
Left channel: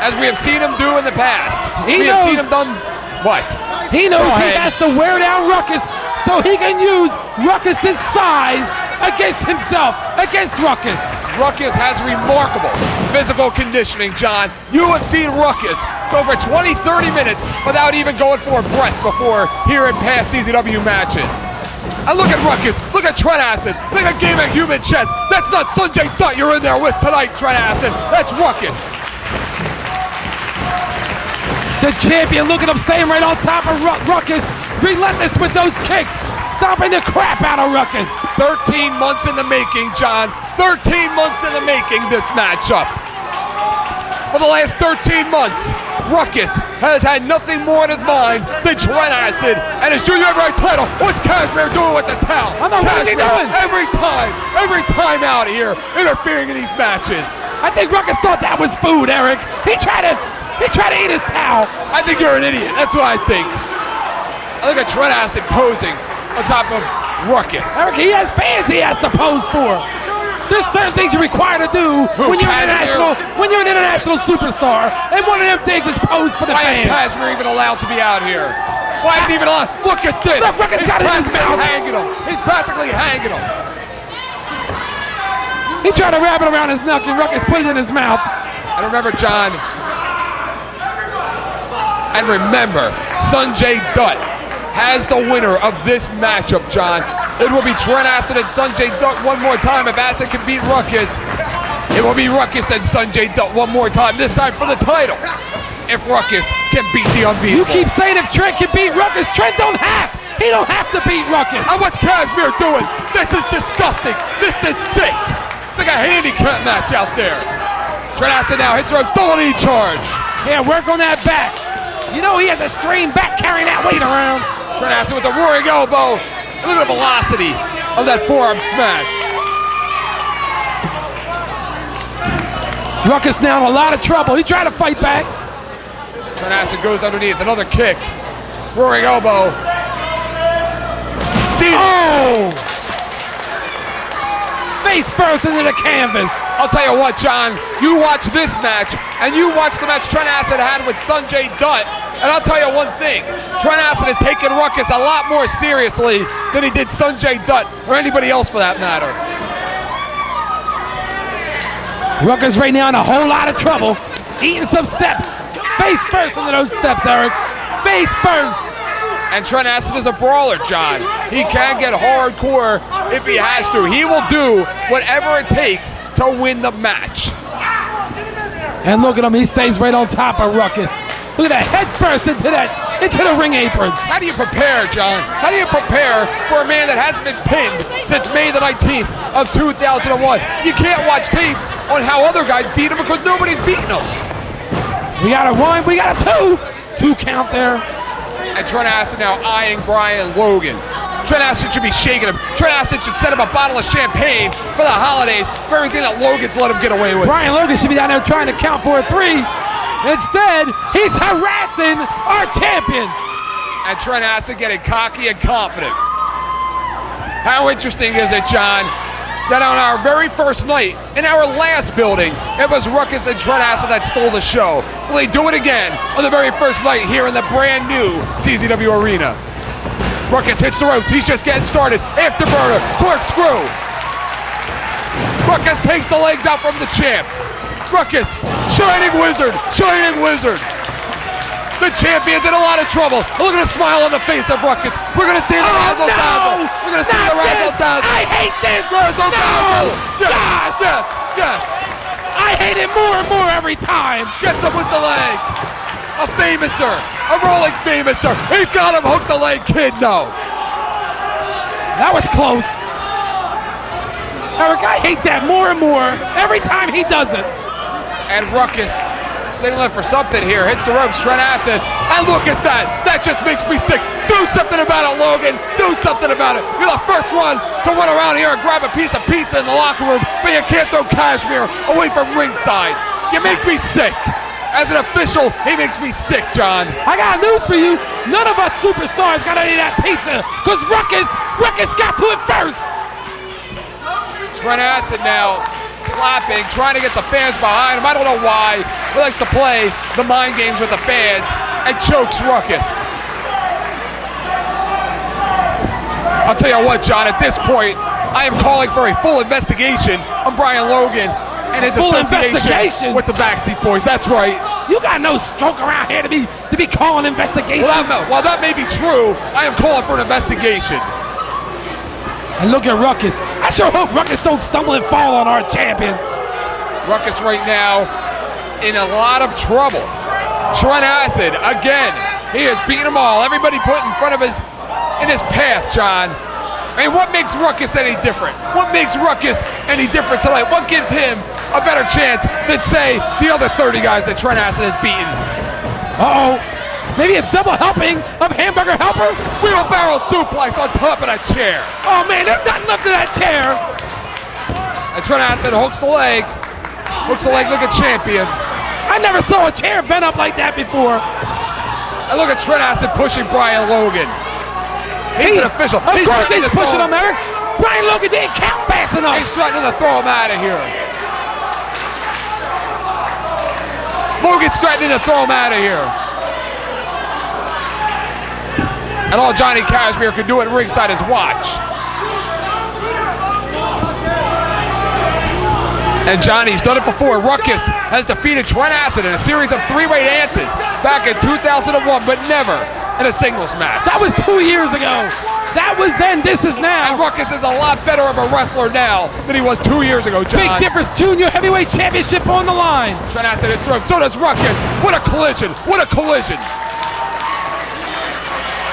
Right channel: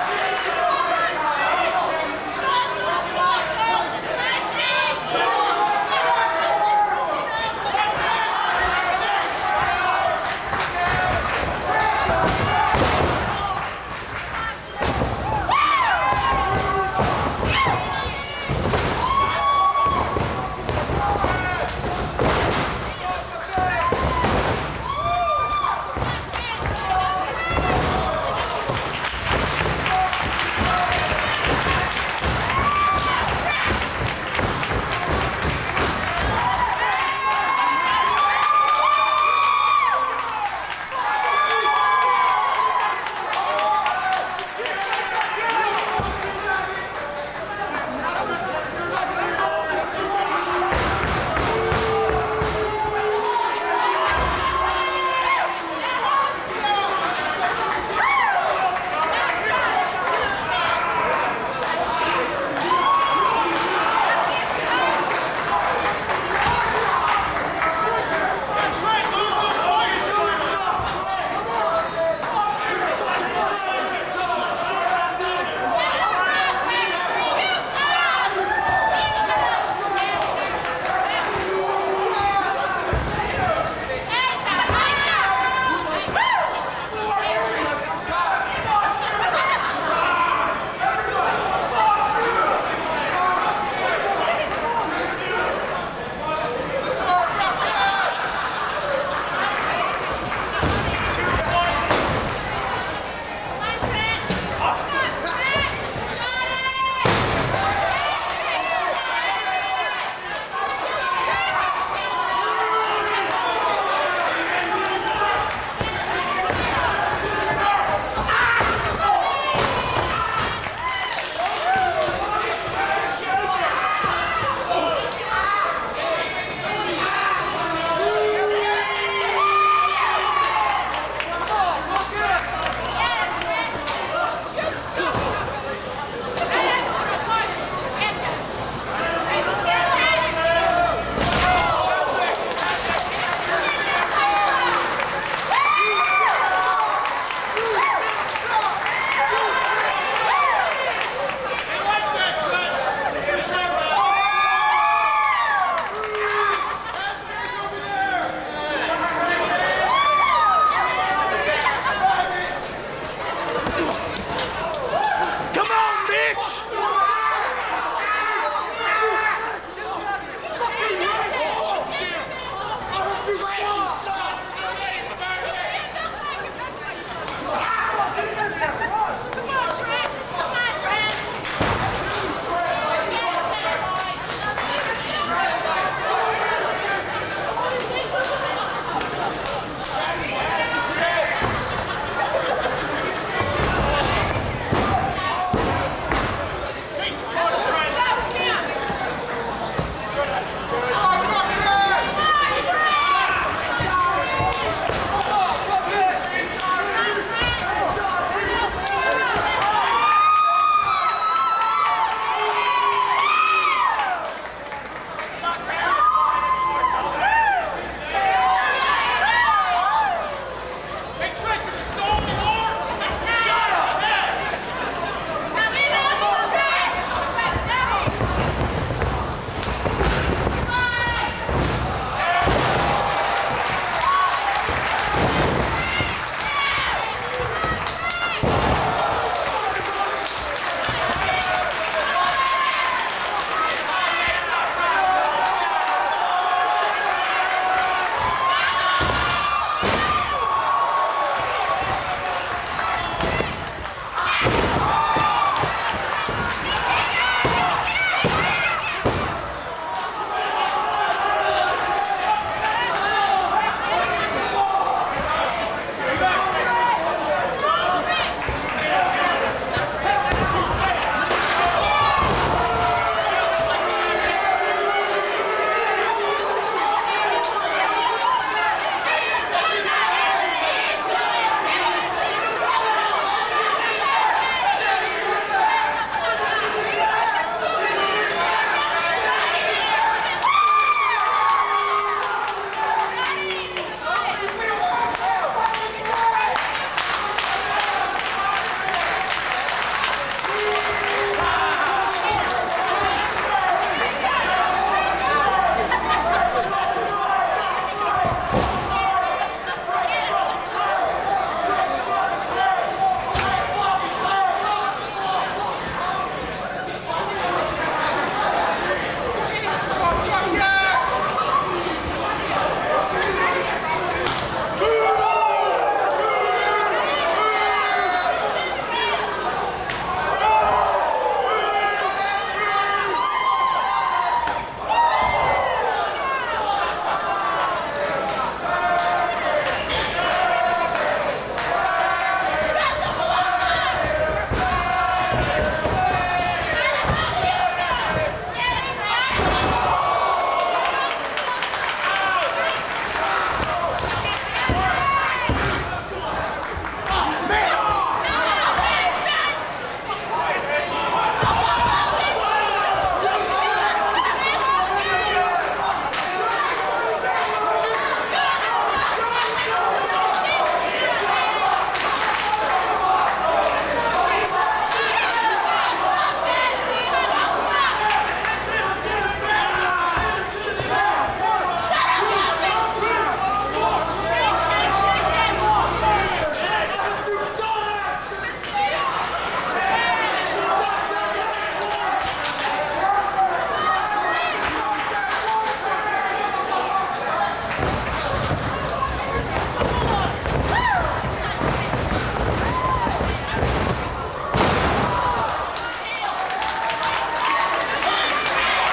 as we have seen him do in the past. He we have seen him done what? He knows he has to wear down Ruckus so so he can use Ruckus's size against himself, against Ruckus. Ruckus has remarkable physical conditioning, John. You have seen Ruckus go for 20, 30 minutes without even going for a breath before here in past CZW matches. And look at Ruckus, look at Trent Acid, look at Game of Human Chess. That's not Sanjay Dutt you're in there with tonight, Trent Acid. That's Ruckus. The champion, look at him staying right on top of Ruckus. Relentless with those kicks, stomping the crap out of Ruckus. 13 months in the making, John. 13 months in the making, this matchup. For the last 13 months, Ruckus has had nothing more in his mind than Trent Acid and his junior heavyweight title. What's Kashmir doing with the towel? I know, what's he doing? Every time out here, interfering in these matches. I think Ruckus thought that was food, Eric. He tried to eat his towel. I think you're an idiot. That's what I think. Look at Trent Acid posing on top of Ruckus. Eric, he has fans he has to pose for. There's certain things you're required to do when you're an international superstar, and one of them things is pose for the fans. Why is Kashmir even allowed to be out here? Why is he even allowed? Look at this. Look, Ruckus got it in his mouth. He's practically hanging him. He tried to wrap it around his neck, and Ruckus put it in his mouth. And remember, John, Sanjay Dutt has the winner of this matchup, John. It will be Trent Acid and Sanjay Dutt one more time. If Acid can beat Ruckus, it will be Ruckus and Sanjay Dutt one more time, this time for the title. If Ruckus can beat the unbeatable. You keep saying if Trent can beat Ruckus, Trent don't have. He don't have to beat Ruckus. And what's Kashmir doing? This is disgusting. This is sick. It's like a handicap match out there. Trent Acid now hits ropes, double knee charge. Yeah, work on that back. You know he has a strained back carrying that weight around. Trent Acid with a roaring elbow. Look at the velocity of that forearm smash. Ruckus now in a lot of trouble. He tried to fight back. Trent Acid goes underneath, another kick. Roaring elbow. Oh! Face first into the canvas. I'll tell you what, John, you watch this match, and you watch the match Trent Acid had with Sanjay Dutt, and I'll tell you one thing, Trent Acid has taken Ruckus a lot more seriously than he did Sanjay Dutt, or anybody else for that matter. Ruckus right now in a whole lot of trouble, eating some steps. Face first into those steps, Eric. Face first. And Trent Acid is a brawler, John. He can get hardcore if he has to. He will do whatever it takes to win the match. And look at him, he stays right on top of Ruckus. Look at that, head first into the ring apron. How do you prepare, John? How do you prepare for a man that hasn't been pinned since May the 19th of 2001? You can't watch tapes on how other guys beat him because nobody's beating him. We got a one, we got a two. Two count there. And Trent Acid now eyeing Brian Logan. Trent Acid should be shaking him. Trent Acid should set him a bottle of champagne for the holidays for everything that Logan's let him get away with. Brian Logan should be down there trying to count for a three. Instead, he's harassing our champion. And Trent Acid getting cocky and confident. How interesting is it, John, that on our very first night, in our last building, it was Ruckus and Trent Acid that stole the show. Will they do it again on the very first night here in the brand new CZW Arena? Ruckus hits the ropes, he's just getting started. Afterburner, corkscrew. Ruckus takes the legs out from the champ. Ruckus, Shining Wizard, Shining Wizard. The champion's in a lot of trouble. Look at the smile on the face of Ruckus. We're gonna see the razzle dazzle. We're gonna see the razzle dazzle. I hate this. Razzle dazzle. Yes, yes, yes. I hate it more and more every time. Gets him with the leg. A famouser, a rolling famouser. He's got him hooked the leg, kid. No. That was close. Eric, I hate that more and more every time he does it. And Ruckus signaling for something here. Hits the ropes, Trent Acid. And look at that. That just makes me sick. Do something about it, Logan. Do something about it. You're the first one to run around here and grab a piece of pizza in the locker room, but you can't throw Kashmir away from ringside. You make me sick. As an official, he makes me sick, John. I got news for you. None of us superstars got any of that pizza. Because Ruckus got to it first. Trent Acid now clapping, trying to get the fans behind him. I don't know why. He likes to play the mind games with the fans and chokes Ruckus. Tell you what, John, at this point, I am calling for a full investigation on Brian Logan and his Full association investigation? with the Backseat Boys. That's right. You got no stroke around here to be calling investigations. While that may be true, I am calling for an investigation. And look at Ruckus. I sure hope Ruckus don't stumble and fall on our champion. Ruckus right now in a lot of trouble. Trent Acid, again, he is beating them all. Everybody put in front of his path, John. I mean, what makes Ruckus any different? What makes Ruckus any different tonight? What gives him a better chance than, say, the other 30 guys that Trent Acid has beaten? Uh-oh. Maybe a double helping of Hamburger Helper? Wheelbarrow suplex on top of that chair. Oh, man, there's nothing left of that chair. And Trent Acid hooks the leg. Hooks the leg like a champion. I never saw a chair bent up like that before. And look at Trent Acid pushing Brian Logan. He's an official. Of course he's pushing him, him. Eric. Brian Logan didn't count fast enough. He's threatening to throw him out of here. Logan's threatening to throw him out of here. And all Johnny Kashmere could do at ringside is watch. And Johnny's done it before. Ruckus has defeated Trent Acid in a series of three-way dances back in 2001, but never in a singles match. That was 2 years ago. That was then, this is And now. Ruckus is a lot better of a wrestler now than he was 2 years ago, John. Big difference, junior heavyweight championship on the line. Trent Acid is through. So does Ruckus. What a collision. What a collision.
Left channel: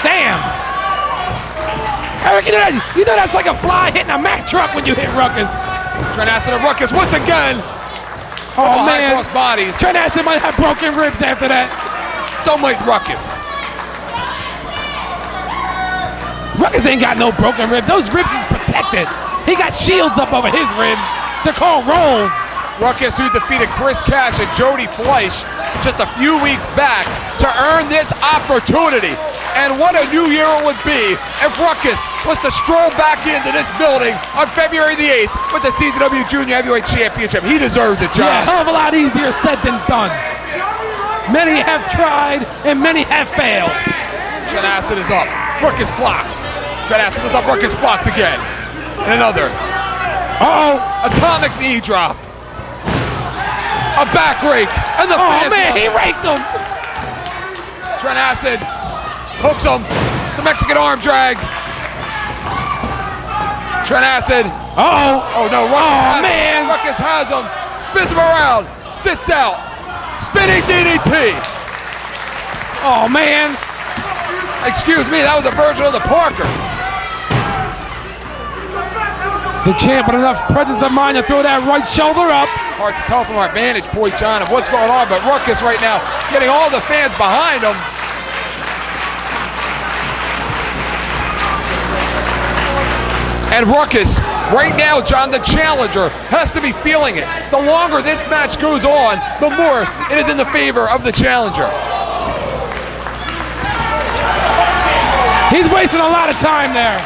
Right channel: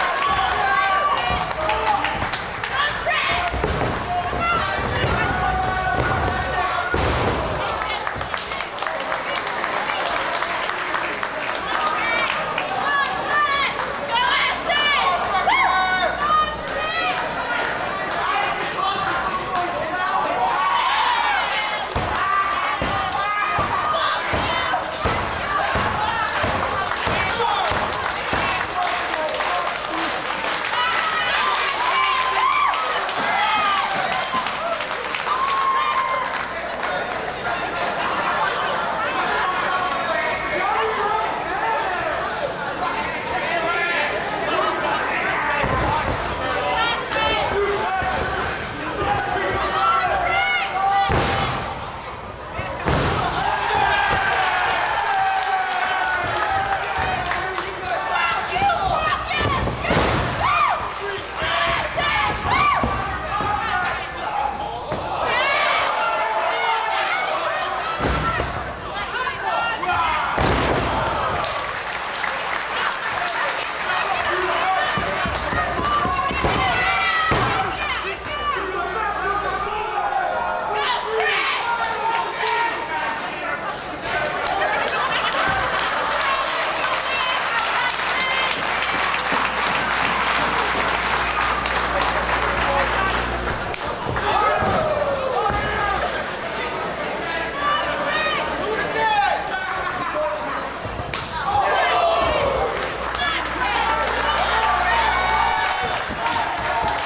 Damn. Eric, you know that's like a fly hitting a Mack truck when you hit Ruckus. Trent Acid and Ruckus once again. Oh, High man. cross bodies. Trent Acid might have broken ribs after that. So might Ruckus. Ruckus ain't got no broken ribs. Those ribs is protected. He got shields up over his ribs. They're called rolls. Ruckus, who defeated Chris Cash and Jody Fleisch just a few weeks back to earn this opportunity. And what a new year it would be if Ruckus was to stroll back into this building on February the 8th with the CZW Junior Heavyweight Championship. He deserves it, John. Yeah, a hell of a lot easier said than done. Many have tried and many have failed. Trent Acid is up. Ruckus blocks. Trent Acid is up. Ruckus blocks again. Another. Uh-oh. Atomic knee drop. A back rake. And the Oh, man, he raked him. Trent Acid hooks him. The Mexican arm drag. Trent Acid. Uh-oh. Oh, no. Oh, man. Ruckus has him. Spins him around. Sits out. Spinning DDT. Oh, man. Excuse me, that was a version of the Parker. The champ with enough presence of mind to throw that right shoulder up. Hard to tell from our vantage point, John, of what's going on, but Ruckus right now getting all the fans behind him. And Ruckus, right now, John, the challenger, has to be feeling it. The longer this match goes on, the more it is in the favor of the challenger. He's wasting a lot of time there.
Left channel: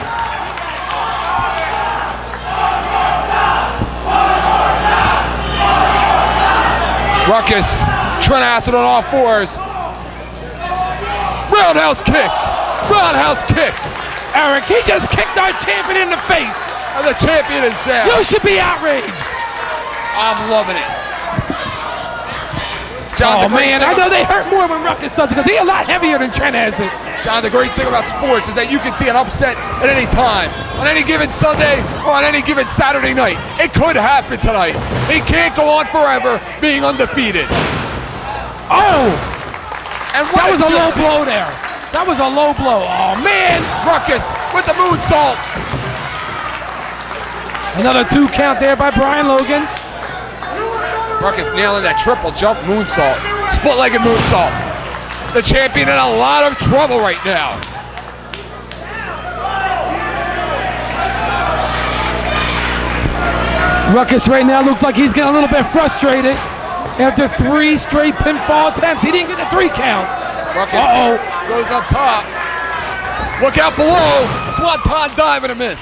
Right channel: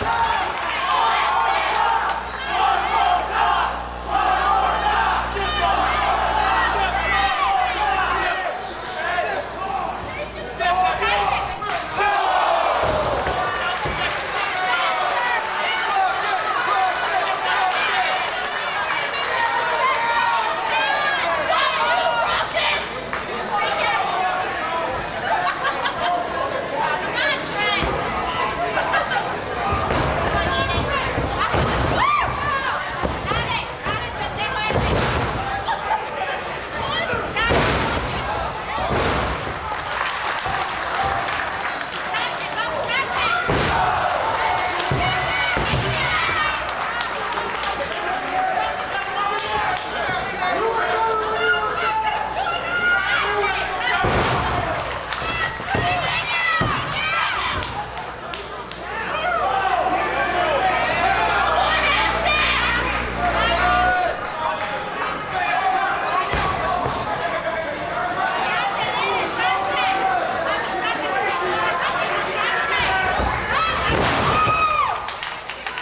Ruckus, Trent Acid on all fours. Roundhouse kick. Roundhouse kick. Eric, he just kicked our champion in the face. And the champion is down. You should be outraged. I'm loving it. John, Oh, the great man, thing- I know they hurt more when Ruckus does it because he's a lot heavier than Trent Acid. John, the great thing about sports is that you can see an upset at any time. On any given Sunday or on any given Saturday night. It could happen tonight. He can't go on forever being undefeated. Oh, And that was a low blow there. That was a low blow. Oh, man. Ruckus with the moonsault. Another 2 count there by Brian Logan. Ruckus nailing that triple jump moonsault. Split-legged moonsault. The champion in a lot of trouble right now. Ruckus right now looks like he's getting a little bit frustrated. After 3 straight pinfall attempts, he didn't get the 3 count. Ruckus Uh-oh. goes up top. Look out below. Swanton dive and a miss.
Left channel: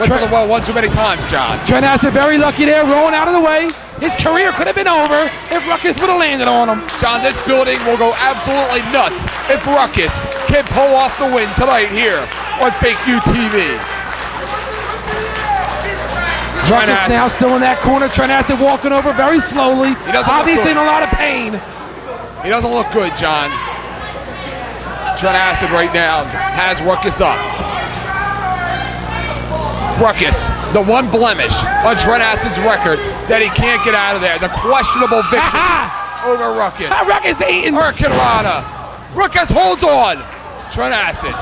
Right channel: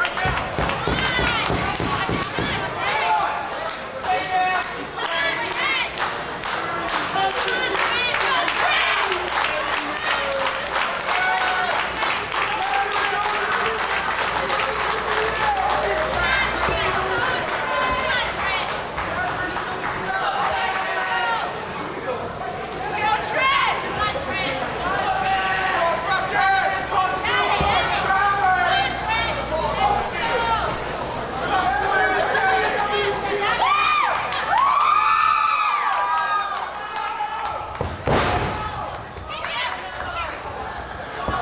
Went for the wall one too many times, John. Trent Acid very lucky there, rolling out of the way. His career could have been over if Ruckus would have landed on him. John, this building will go absolutely nuts if Ruckus can pull off the win tonight here on Fake UTV. Ruckus now still in that corner. Trent Acid walking over very slowly. He doesn't look Obviously good. in a lot of pain. He doesn't look good, John. Trent Acid right now has Ruckus up. Ruckus, the one blemish on Trent Acid's record that he can't get out of there. The questionable victory over Ruckus. Ruckus eating. Hurricane Rana. Ruckus holds on. Trent Acid.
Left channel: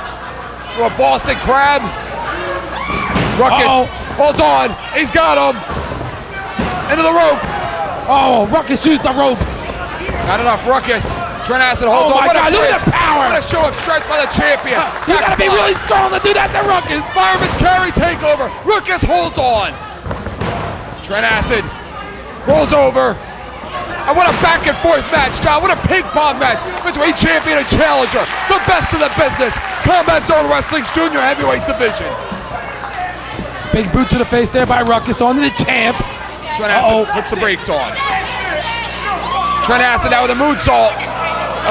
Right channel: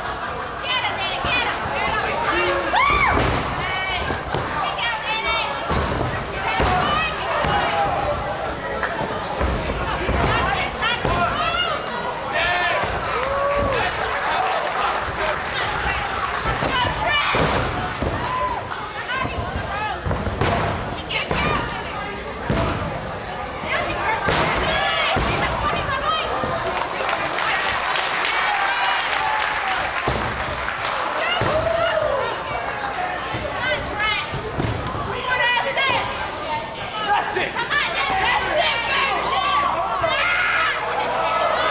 For a Boston Crab. Ruckus holds on. He's got him. Into the ropes. Oh, Ruckus used the ropes. Not enough, Ruckus. Trent Acid holds on. Oh my God, look at the power. What a show of strength by the champion. You gotta be Backside. really strong to do that to Ruckus. Fireman's carry takeover. Ruckus holds on. Trent Acid rolls over. And what a back and forth match, John. What a ping pong match between champion and challenger. The best of the business. Combat Zone Wrestling's junior heavyweight division. Big boot to the face there by Ruckus on the champ. Trent Acid puts the brakes on. Trent Acid now with a moonsault.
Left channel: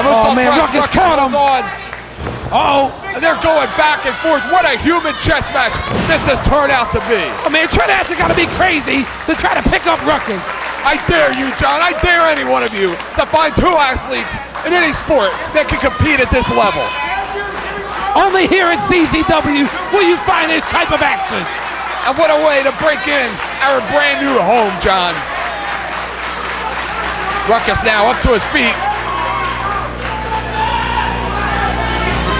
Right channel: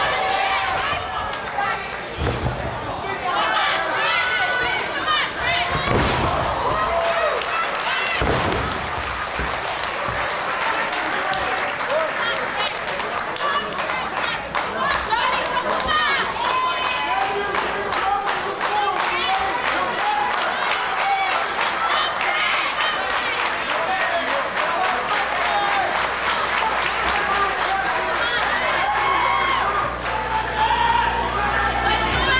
Oh man, Ruckus caught him. And they're going back and forth. What a human chess match this has turned out to be. Oh man, Trent Acid gotta be crazy to try to pick up Ruckus. I dare you, John. I dare any one of you to find two athletes in any sport that can compete at this level. Only here at CZW will you find this type of action. And what a way to break in our brand new home, John. Ruckus now up to his feet.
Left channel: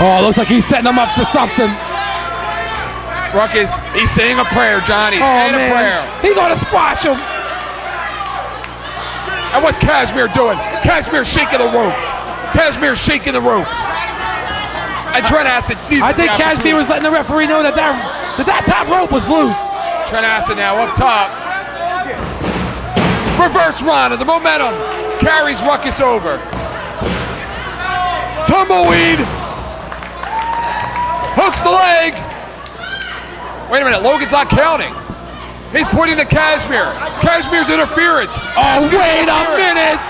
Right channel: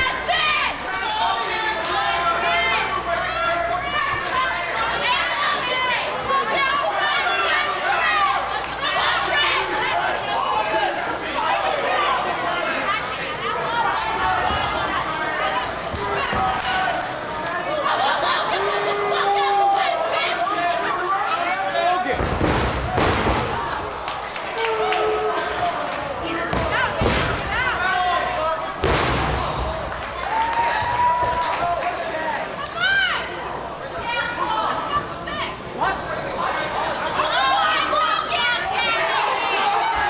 Oh, looks like he's setting him up for something. Ruckus, he's saying a prayer, John. He's saying a prayer. He's gonna squash him. And what's Kashmir doing? Kashmir shaking the ropes. Kashmir shaking the ropes. And Trent Acid sees I think Kashmir was letting the referee know that that top rope was loose. Trent Acid now up top. Reverse Rana, the momentum carries Ruckus over. Tumbleweed. Hooks the leg. Wait a minute, Logan's not counting. He's pointing to Kashmir. Kashmir's interference. Oh, wait a minute.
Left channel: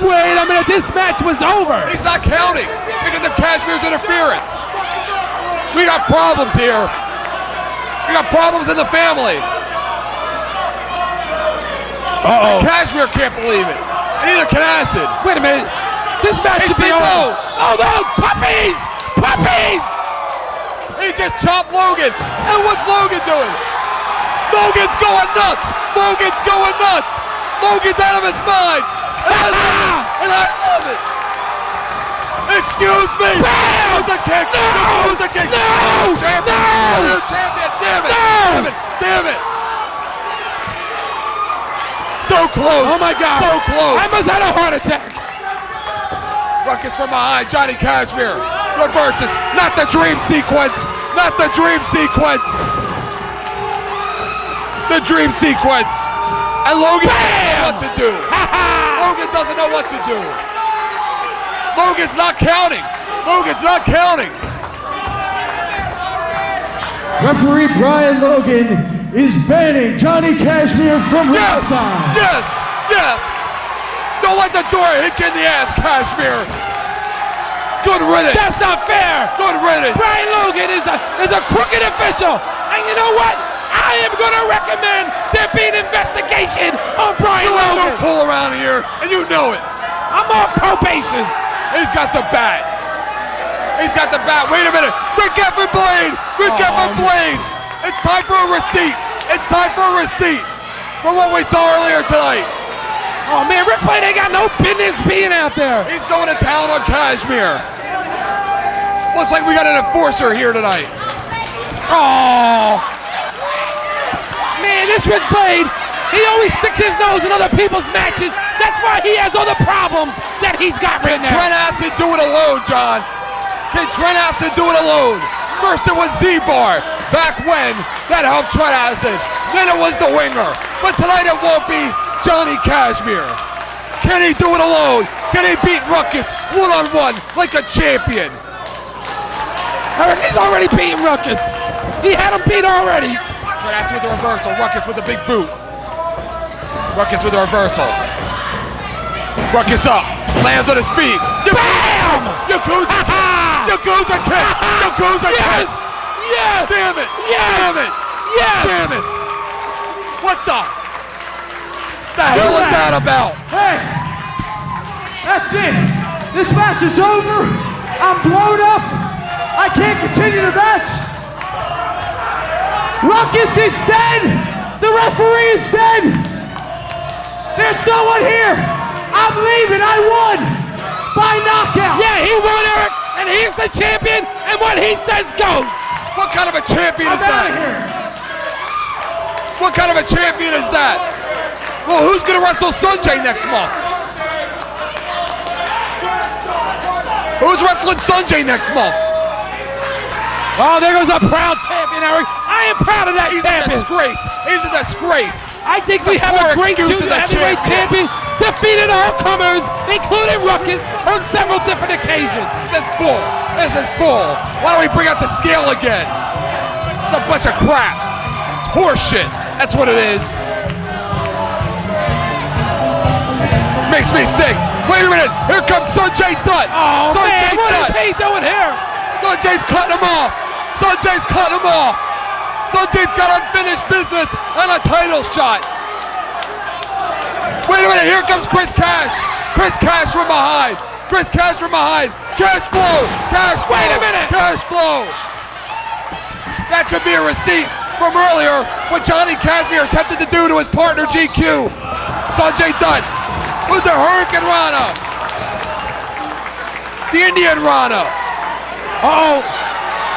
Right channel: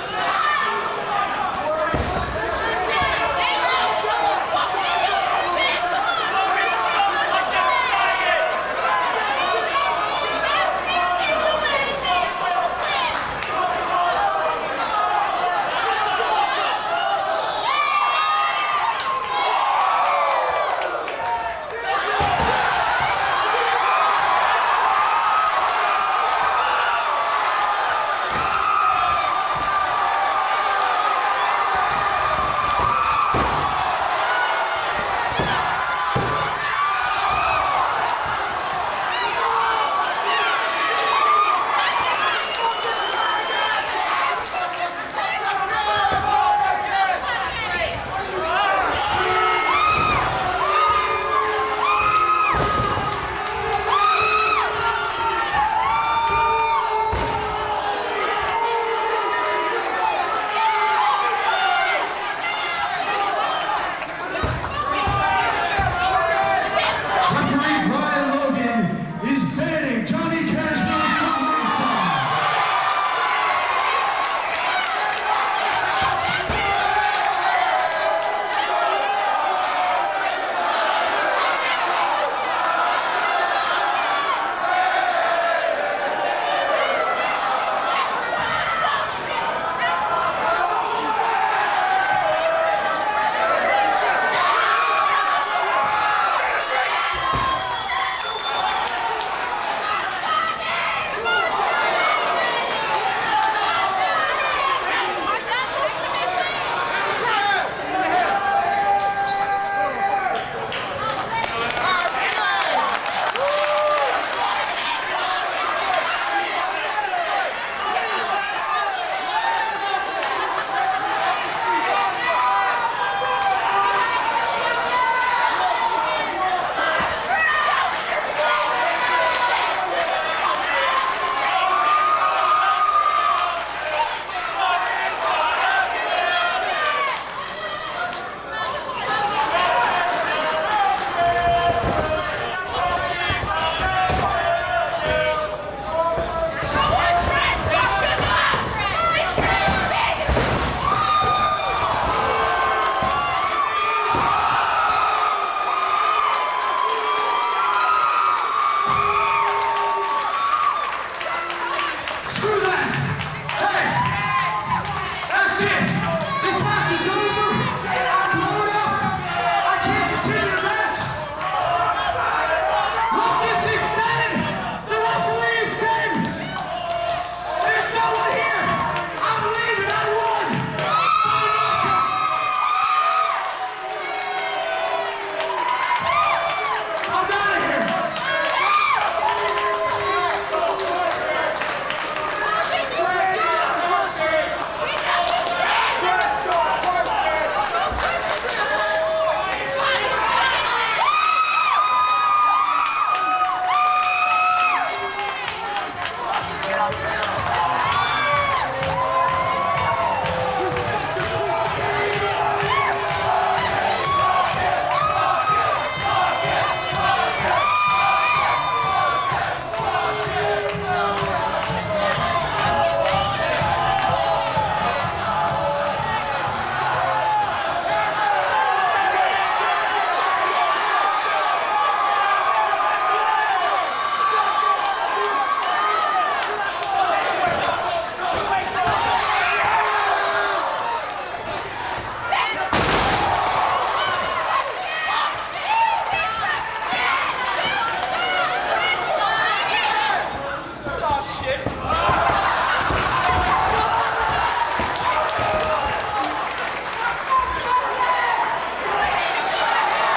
Wait a minute, this match was over. He's not counting because of Kashmir's interference. We got problems here. We got problems in the family. Kashmir can't believe it. Neither can Acid. Wait a minute. This match should be over. Oh no, puppies! Puppies! He just chopped Logan. And what's Logan doing? Logan's going nuts. Logan's going nuts. Logan's out of his mind. And I love it. Excuse me. It's a kick. It's a kick. No! Champion. Champion. Damn it. Damn it. Damn it. So close. Oh my God. So close. I must have had a heart attack. Ruckus from behind. Johnny Kashmir reverses. Not the dream sequence. Not the dream sequence. The dream sequence. And Logan doesn't know what to do. Logan doesn't know what to do. Logan's not counting. Logan's not counting. Referee Brian Logan is banning Johnny Kashmir from Yes, ringside. yes, yes. Don't let the door hit you in the ass, Kashmir. Good riddance. That's not fair. Good riddance. Brian Logan is a crooked official. And you know what? I am going to recommend there be an investigation on Brian You Logan. ever pull around here, and you know it. I'm on probation. He's got the bat. He's got the bat. Wait a minute. Rick Effin Blade. Rick Effin Blade. It's time for a receipt. It's time for a receipt for what we saw earlier tonight. Oh man, Rick Blade ain't got no business being out there. He's going to town on Kashmir. Looks like we got an enforcer here tonight. Oh. Man, this Rick Blade, he always sticks his nose in other people's matches. That's why he has all the problems that he's got right now. Trent Acid do it alone, John. Can Trent Acid do it alone? First it was Z-Bar, back when, that helped Trent Acid. Then it was the Winger. But tonight it won't be Johnny Kashmir. Can he do it alone? Can he beat Ruckus one-on-one like a champion? He's already beaten Ruckus. He had him beat already. That's with the reversal. Ruckus with the big boot. Ruckus with the reversal. Ruckus up. Lands on his feet. Bam! Yakuza kick. Yakuza kick. Yes! it! Yes! Damn it! Yes! Damn it! What the hell is that about? Hey, that's it. This match is over. I'm blown up. I can't continue the match. Ruckus is dead. The referee is dead. There's no one here. I'm leaving. I won by knockout. Yeah, he won, Eric, and he's the champion, and what he says goes. What kind of a champion is I'm out that? of here. What kind of a champion is that? Well, who's gonna wrestle Sanjay next month? Who's wrestling Sanjay next month? Oh, there goes a proud champion, Eric. I am proud of that He's a champion. disgrace. He's a disgrace. I think we have a great Excuses junior that heavyweight champion, defeated all comers, including Ruckus, on several different occasions. That's bull. This is bull. Why don't we bring out the scale again? It's a bunch of crap. It's horseshit. That's what it is. Makes me sick. Wait a minute. Here comes Sanjay Dutt. Oh, man, Sanjay what is Dutt. he doing here? Sanjay's cutting him off. Sanjay's cutting him off. Sanjay's got unfinished business and a title shot. Wait a minute, here comes Chris Cash. Chris Cash from behind. Chris Cash from behind. Cash flow. Cash flow. Wait a minute. Cash flow. That could be a receipt from earlier what Johnny Kashmere attempted to do to his partner GQ. Sanjay Dutt with the Hurricane Rana. The Indian Rana. Uh-oh.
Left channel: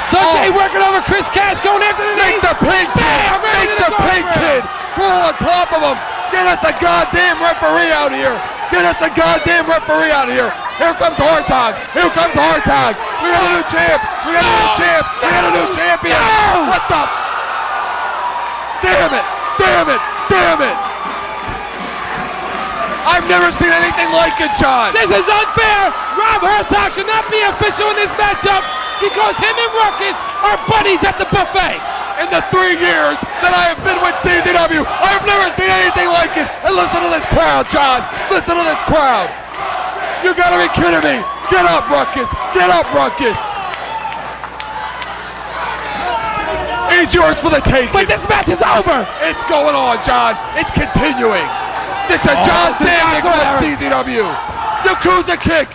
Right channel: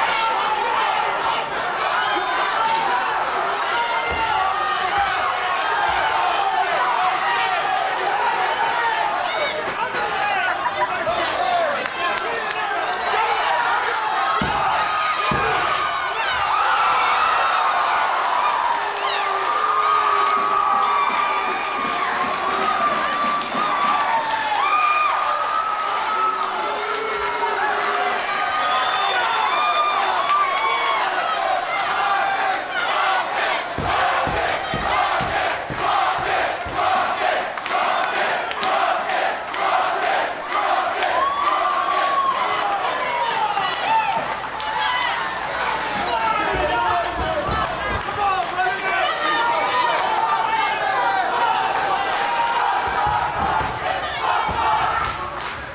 Sanjay working over Chris Cash, going after the Make the pink kid! Make the pink kid! Pull on top of him! Get us a goddamn referee out here! Get us a goddamn referee out here! Here comes hard time! Here comes hard time! We got a new champ! We got a new champ! We got a new champion! What the? Damn it! Damn it! Damn it! I've never seen anything like it, John! This is unfair. Rob Hertog should not be official in this matchup because him and Ruckus are buddies at the buffet. In the 3 years that I have been with CZW, I've never seen anything like it. And listen to this crowd, John. Listen to this crowd. You gotta be kidding me. Get up, Ruckus. Get up, Ruckus. He's yours for the taking. But this match is over. It's going on, John. It's continuing. It's a John Samuel against CZW. Yakuza kick.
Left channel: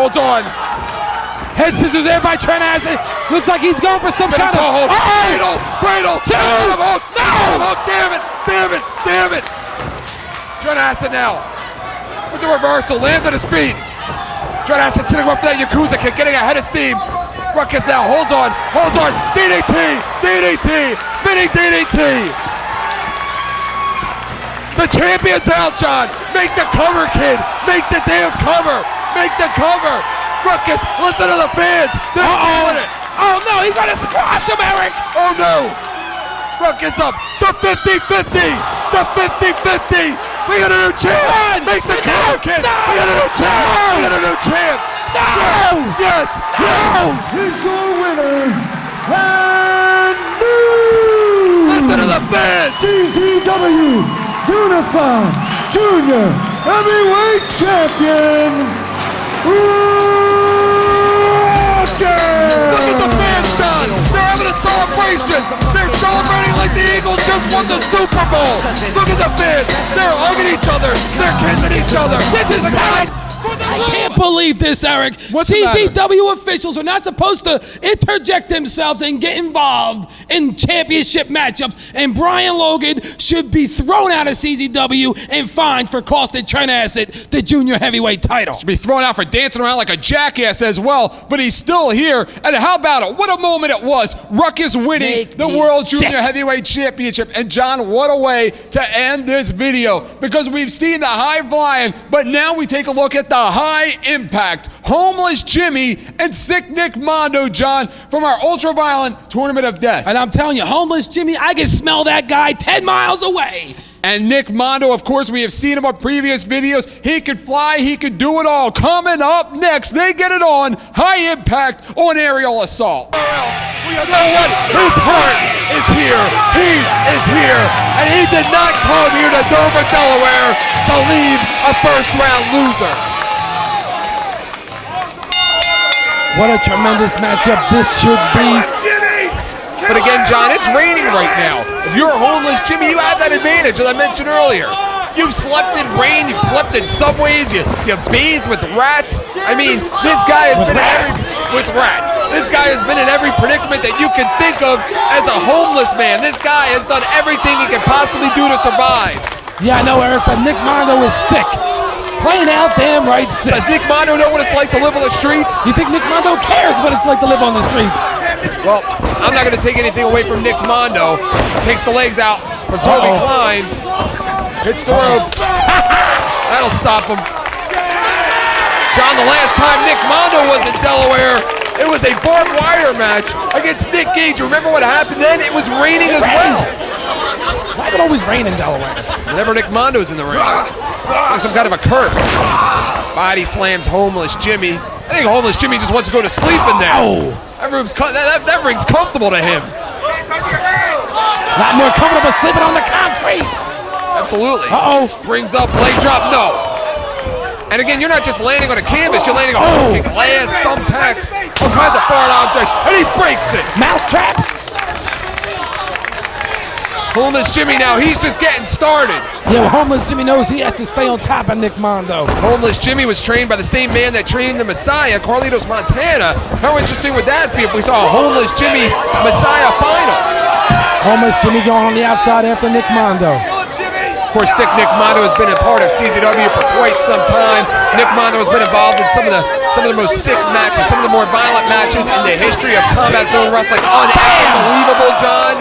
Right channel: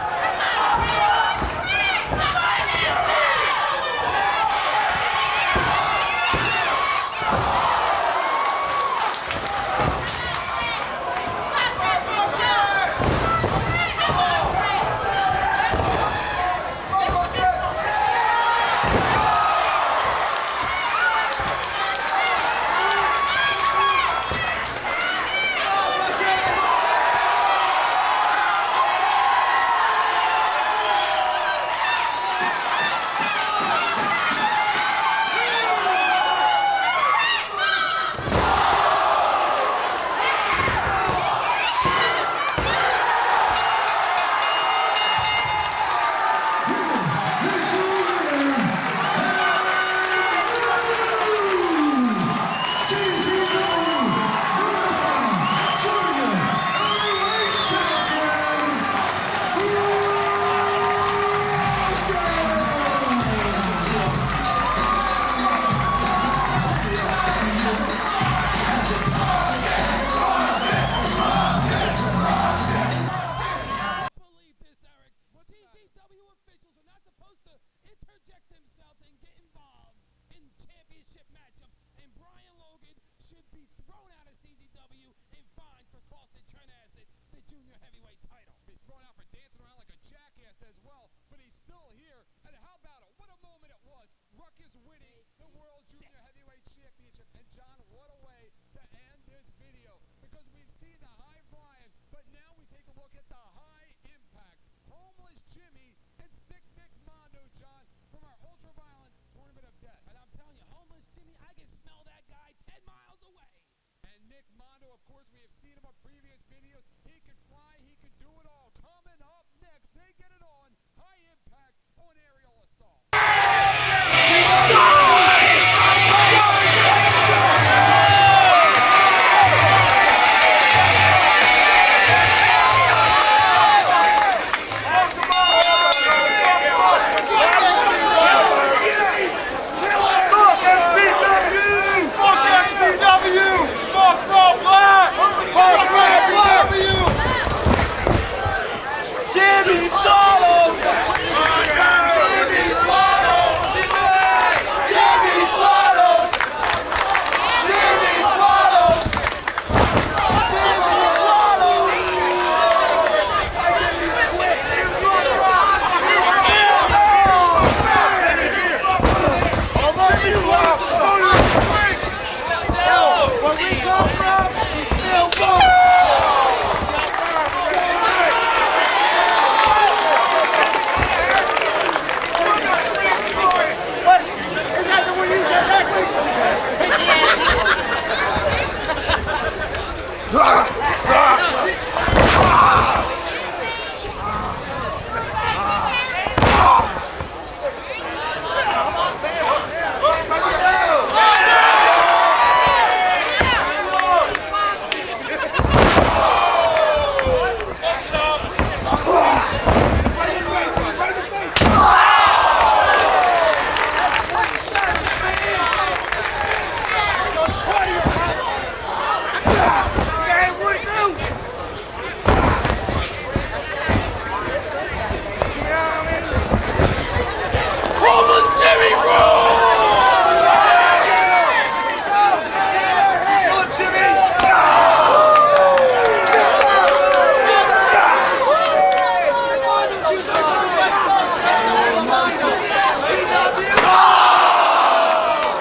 Hold on. Head scissors there by Trent Acid. Looks like he's going for some kind of... Hold. Uh-oh. Cradle. Two. No. No. Damn it. Damn it. Damn it. Trent Acid now. With the reversal. Lands on his feet. Trent Acid sitting up for that Yakuza kick. Getting ahead of steam. Ruckus now. Hold on. DDT. Spinning DDT. The champion's out, John. Make the cover, kid. Make the damn cover. Make the cover. Ruckus, listen to the fans. They're doing it. Oh, no, he's going to squash him, Eric. Oh, no. Ruckus up. The 50-50. The 50-50. We got a new champ. Make the cover, kid. We got a new champ. We got a new champ. No. Yes. No. It's a winner and new Listen to the fans. CZW Unified Junior Heavyweight Champion. Look at the fans, John. They're having a celebration. They're celebrating like the Eagles just won the Super Bowl. Look at the fans. They're hugging each other. They're kissing each other. This is nice. I can't believe this, Eric. What's the matter? CZW officials are not supposed to interject themselves and get involved in championship matchups, and Brian Logan should be thrown out of CZW and fined for costing Trent Acid the junior heavyweight title. Be thrown out for dancing around like a jackass as well, but he's still here. And how about it? What a moment it was. Ruckus winning Make the me World sick. Junior Heavyweight Championship. And John, what a way to end this video, because we've seen the high flying, but now we take a look at the high impact. Homeless Jimmy and Sick Nick Mondo, John, from our ultra-violent Tournament of Death. And I'm telling you, Homeless Jimmy, I can smell that guy 10 miles away. And Nick Mondo, of course, we have seen him on previous videos. He could fly, he could do it all. Coming up next, they get it on High Impact on Aerial Assault. Whose heart is here. He is here. And he did not come here to Dover, Delaware to leave a first-round loser. What a tremendous matchup this should be. Jimmy, you have that advantage, as I mentioned earlier. You've slept in rain, you've slept in subways, you've bathed with rats. I mean, this guy has been with rats. This guy has been in every predicament that you can think of as a homeless man. This guy has done everything he can possibly do to survive. Yeah, I know, Eric, but Nick Mondo is sick. Plain out damn right sick. Does Nick Mondo know what it's like to live on the streets? You think Nick Mondo cares what it's like to live on the streets? Well, I'm not going to take anything away from Nick Mondo. Takes the legs out from Tony Klein. Hits the ropes. That'll stop him. John, the last time Nick Mondo was in Delaware, it was a barbed wire match against Nick Gage. Remember what happened then? It was raining as well. Why is it always raining Delaware? Whenever Nick Mondo's in the ring, it's some kind of a curse. Body slams Homeless Jimmy. I think Homeless Jimmy just wants to go to sleep in there. That ring's comfortable to him. Not more comfortable sleeping on the concrete. Absolutely. Uh-oh. Brings up, leg drop, no. And again, you're not just landing on a canvas, you're landing on glass, thumbtacks, all kinds of foreign objects, and he breaks it. Mouse traps. Homeless Jimmy now, he's just getting started. Yeah, Homeless Jimmy knows he has to stay on top of Nick Mondo. Homeless Jimmy was trained by the same man that trained the Messiah, Carlitos Montana. How interesting would that be if we saw a Homeless Jimmy Messiah final? Homeless Jimmy going on the outside after Nick Mondo. Of course, sick Nick Mondo has been a part of CZW for quite some time. Nick Mondo has been involved in some of the most sick matches, some of the more violent matches in the history of Combat Zone Wrestling. Unbelievable, John.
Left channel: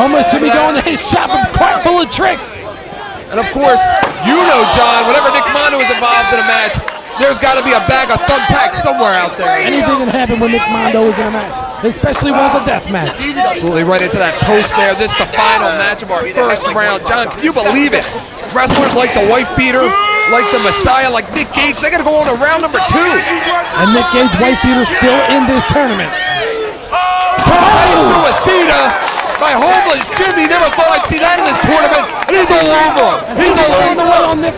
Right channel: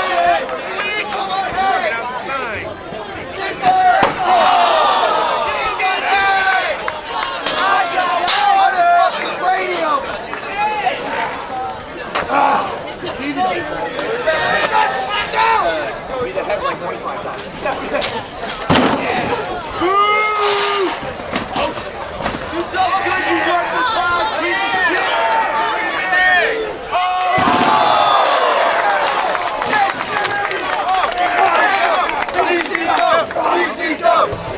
Homeless Jimmy going to his shop and cart full of tricks. And of course, you know, John, whenever Nick Mondo is involved in a match, there's got to be a bag of thumbtacks somewhere out there. Anything can happen when Nick Mondo is in a match, especially when it's a death match. Absolutely right into that post there. This is the final match of our first round. John, can you believe it? Wrestlers like the Wife Beater, like the Messiah, like Nick Gage, they got to go on to round number 2. And Nick Gage, Wife Beater, still in this tournament. Suicida by Homeless Jimmy. Never thought I'd see that in this tournament. He's a long one. He's a long one.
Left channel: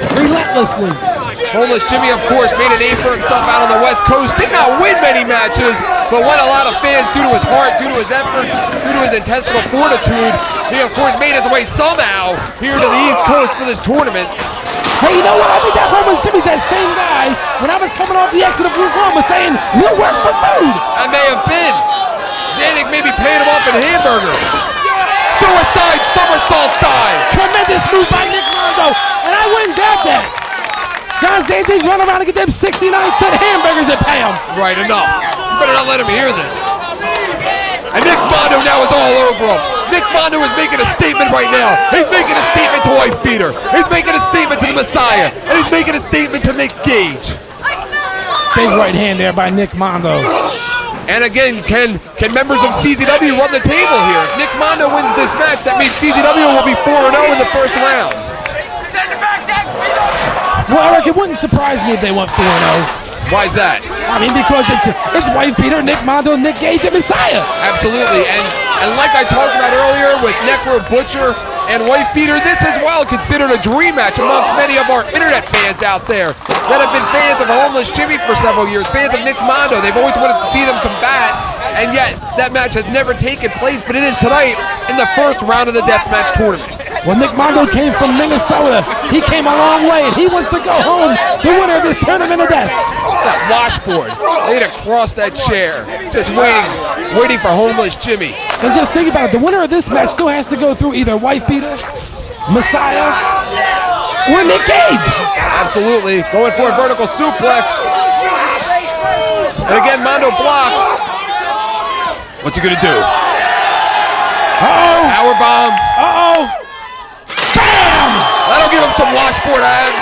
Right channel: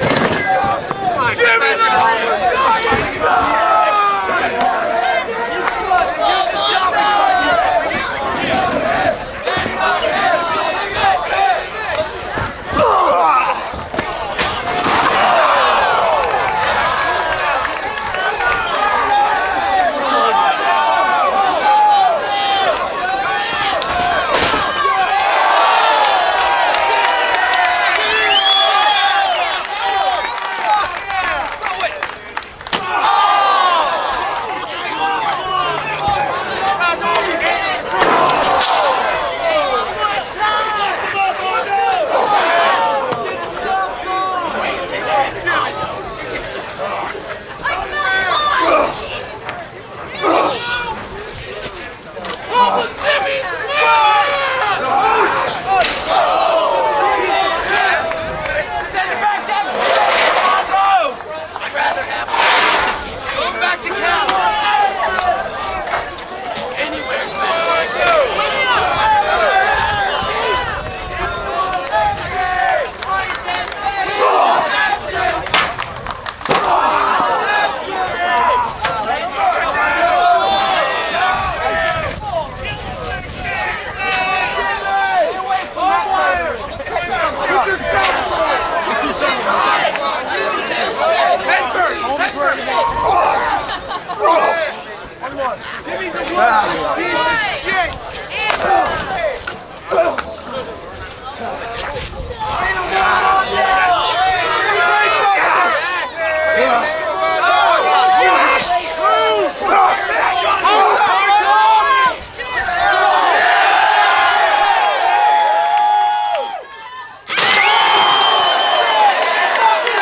Relentlessly. Homeless Jimmy, of course, made a name for himself out on the West Coast. Did not win many matches, but won a lot of fans due to his heart, due to his effort, due to his intestinal fortitude. He, of course, made his way somehow here to the East Coast for this tournament. Hey, you know what? I think that Homeless Jimmy's that same guy when I was coming off the exit of Oklahoma saying, "You want the food." I may have been. Zanuck may be paying him off in hamburgers. Suicide somersault dive. Tremendous move by Nick Mondo, and I wouldn't doubt that. John Zante's running around to get them 69-cent hamburgers at Pam. Right, enough. You better not let him hear this. And Nick Mondo now is all over him. Nick Mondo is making a statement right now. He's making a statement to Wife Beater. He's making a statement to the Messiah. And he's making a statement to Nick Gage. Big right hand there by Nick Mondo. And again, can members of CZW run the table here? If Nick Mondo wins this match, that means CZW will be 4-0 in the first round. Well, Eric, it wouldn't surprise me if they went 4-0. Why is that? I mean, because it's Wife Beater, Nick Mondo, Nick Gage, and Messiah. Absolutely, and like I talked about earlier with Necro Butcher and Wife Beater, this is well considered a dream match amongst many of our internet fans out there that have been fans of Homeless Jimmy for several years, fans of Nick Mondo. They've always wanted to see them come back, and yet that match has never taken place, but it is tonight in the first round of the deathmatch tournament. When Nick Mondo came from Minnesota, he came a long way, and he wants to go home the winner of this tournament of death. That washboard laid across that chair, just waiting for Homeless Jimmy. And just think about it, the winner of this match still has to go through either Wife Beater, Messiah, or Nick Gage. Absolutely, going for a vertical suplex. And again, Mondo blocks. What's he gonna do? Uh-oh. Powerbomb. Uh-oh. That'll give him some washboard abs.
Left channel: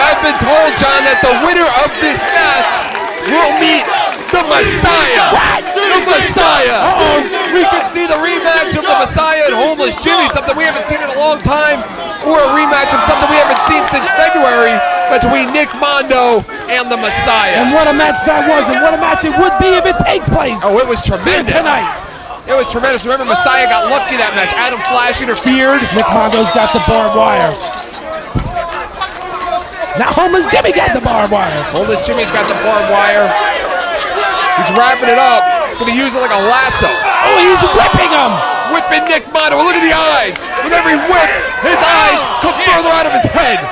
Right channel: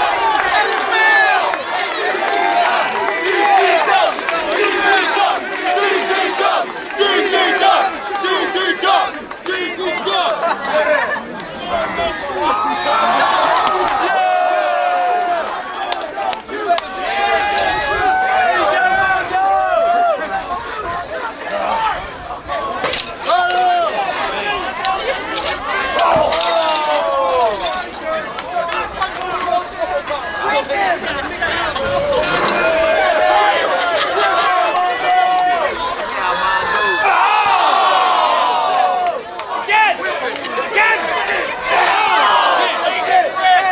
I've been told, John, that the winner of this match will meet the Messiah. The Messiah. We can see the rematch of the Messiah and Homeless Jimmy, something we haven't seen in a long time, or a rematch of something we haven't seen since February between Nick Mondo and the Messiah. And what a match that was, and what a match it would be if it takes place. Oh, it was tremendous. Tonight. It was tremendous. Remember, Messiah got lucky that match. Adam Flash interfered. Nick Mondo's got the barbed wire. Now Homeless Jimmy got the barbed wire. Homeless Jimmy's got the barbed wire. He's wrapping it up. gonna use it like a lasso. Oh, he's whipping him. Whipping Nick Mondo. Look at the eyes. With every whip, his eyes come further out of his head.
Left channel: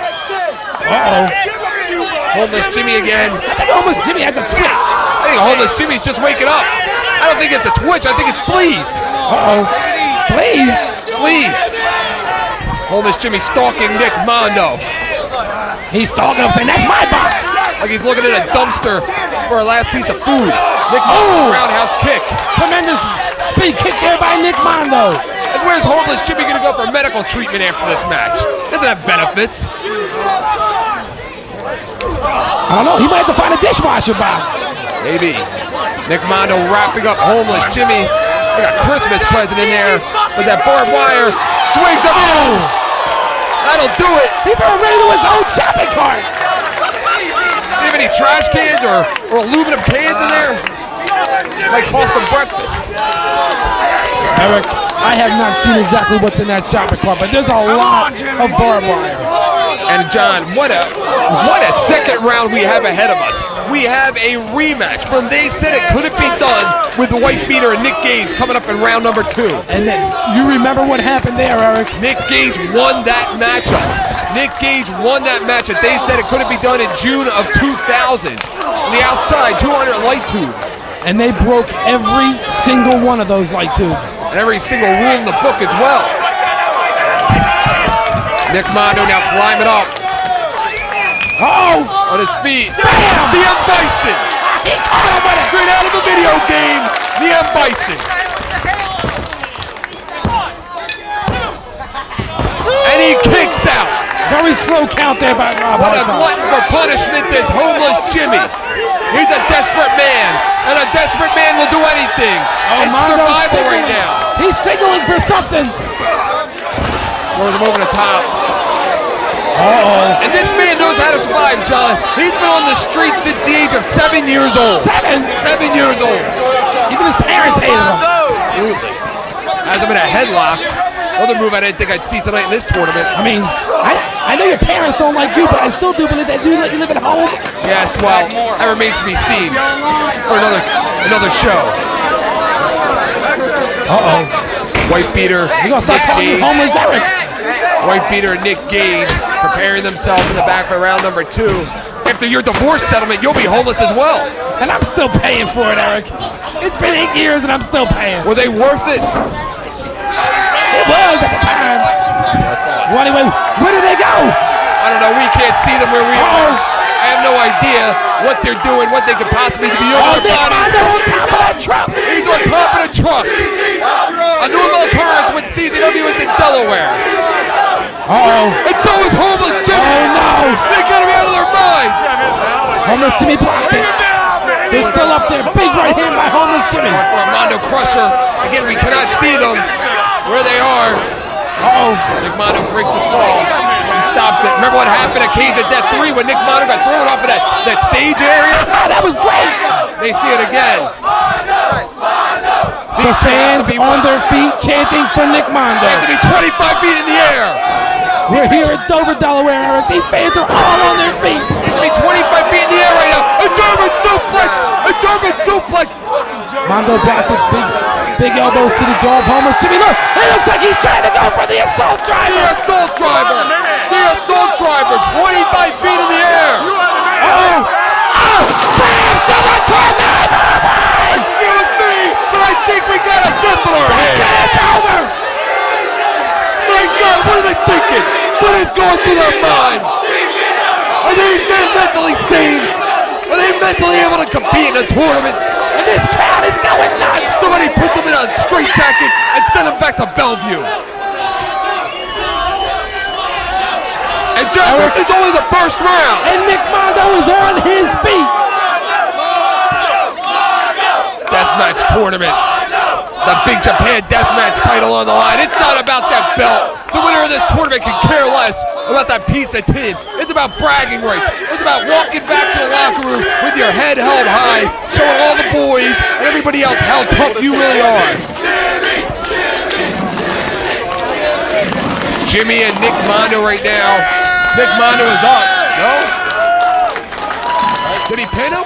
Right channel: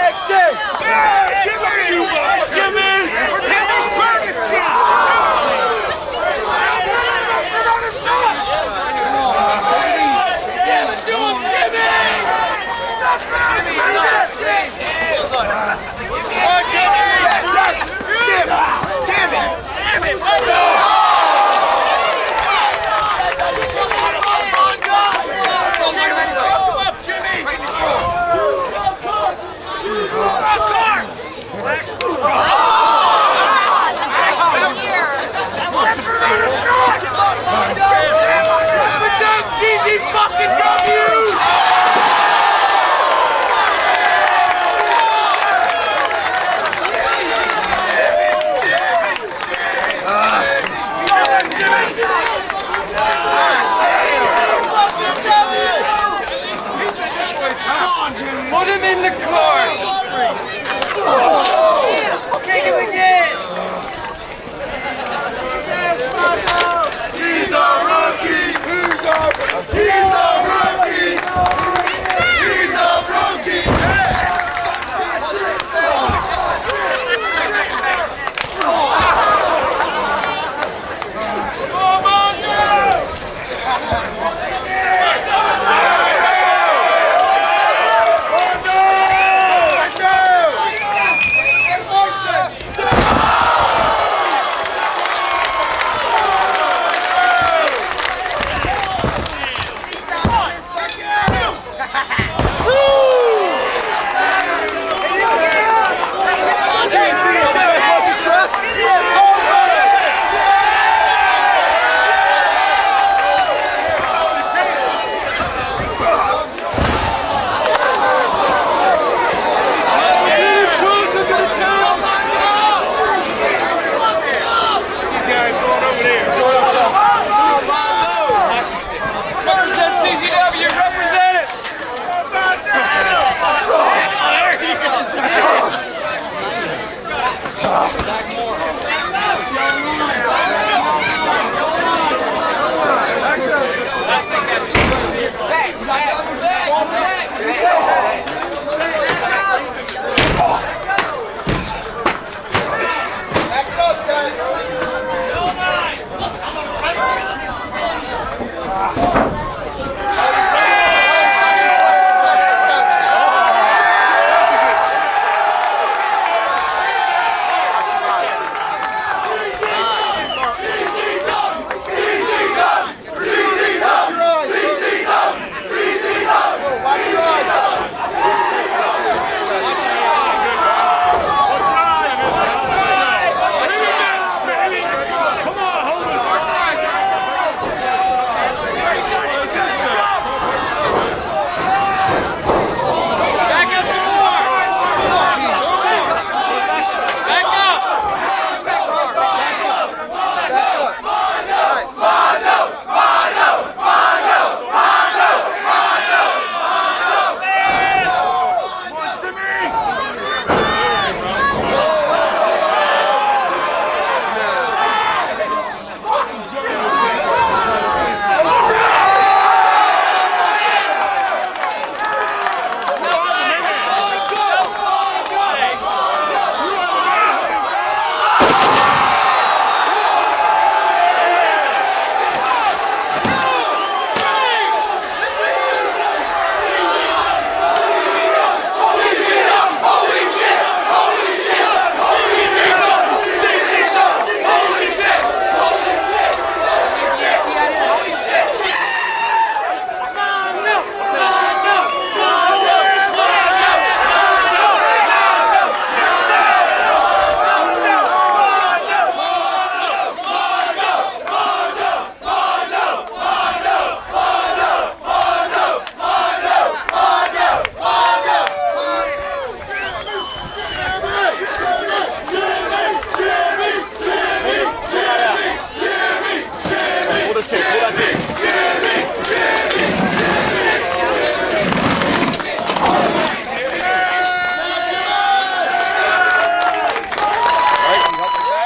Homeless Jimmy again. Homeless Jimmy has a twitch. I think Homeless Jimmy's just waking up. I don't think it's a twitch. I think it's fleas. Please. Fleas. Homeless Jimmy stalking Nick Mondo. He's stalking him, saying, that's my box. Like he's looking at a dumpster for a last piece of food. Nick Mondo roundhouse kick. Tremendous speed kick there by Nick Mondo. And where's Homeless Jimmy gonna go for medical treatment after this match? Doesn't have benefits. I don't know, he might have to find a dishwasher box. Maybe. Nick Mondo wrapping up Homeless Jimmy. Got a Christmas present in there with that barbed wire. Swings the boom. That'll do it. He threw right into his own shopping cart. Do you have any trash cans or aluminum cans in there? Might cost them breakfast. Eric, I have not seen exactly what's in that shopping cart, but there's a lot of barbed wire. And John, what a second round we have ahead of us. We have a rematch from They Said It Couldn't Be Done with the White Beater and Nick Gage coming up in round number 2. And you remember what happened there, Eric? Nick Gage won that match. Nick Gage won that match that They Said It Couldn't Be Done in June of 2000. On the outside, 200 light tubes. And they broke every single one of those light tubes. And every single rule in the book as well. Nick Mondo now climbing up. Oh! On his feet. The M. Bison. Straight out of the video game. The M. Bison. And he kicks out. Very slow count there by What a glutton for punishment is Homeless Jimmy. He's a desperate man. And a desperate man will do anything. It's survival right now. He's signaling for something. Throws him over the top. And this man knows how to survive, John. He's been on the street since the age of 7 years old. 7 years old. Even his parents hated him. Has him in a headlock. Another move I didn't think I'd see tonight in this tournament. I mean, I know your parents don't like you, but I still do, but they do let you live at home. Yes, well, that remains to be seen for another show. White Beater, You gonna start Nick calling me Gage. homeless Eric? White Beater and Nick Gage preparing themselves in the back of round number 2. After your divorce settlement, you'll be homeless as well. And I'm still paying for it, Eric. It's been 8 years and I'm still paying. Were they worth it? Well, anyway, where did they go? I don't know. We can't see them where we are. I have no idea what they're doing, what they could possibly be doing. Oh, they're on top of that truck. He's on top of the truck. A new occurrence when CZW is in Delaware. Uh-oh. And so is Homeless Jimmy. Oh, no. They got him out of their minds. Homeless Jimmy Pocket. They're still up there. Big right hand by Homeless Jimmy. Armando Crusher. Again, we cannot see them where they are. Nick Mondo breaks his fall. He stops it. Remember what happened at Cage of Death 3 when Nick Mondo got thrown off of that stage area? That was great. They see it again. The fans on their feet chanting for Nick Mondo. Have to be 25 feet in the air. We're here at Dover, Delaware, Eric. These fans are all on their feet. I mean, 25 feet in the air right now. A German suplex. A German suplex. Mondo back to big elbows to the jaw of Homeless Jimmy. Look, it looks like he's trying to go for the assault The driver. assault driver. The assault driver. 25 feet in the air. Excuse me, but I think we got a flip in our head. My God, what are they thinking? What is going through their mind? Are these men mentally sane? Are they mentally able to compete in a tournament? And this crowd is going nuts. Somebody put them in a straitjacket and send them back to Bellevue. And John, this is only the first round. And Nick Mondo is on his feet. Deathmatch tournament. The Big Japan Deathmatch title on the line. It's not about that belt. The winner of this tournament can care less about that piece of tin. It's about bragging rights. It's about walking back to the locker room with your head held high, showing all the boys and everybody else how tough you really are. Jimmy and Nick Mondo right now. Nick Mondo is up. No? All right, did he pin him?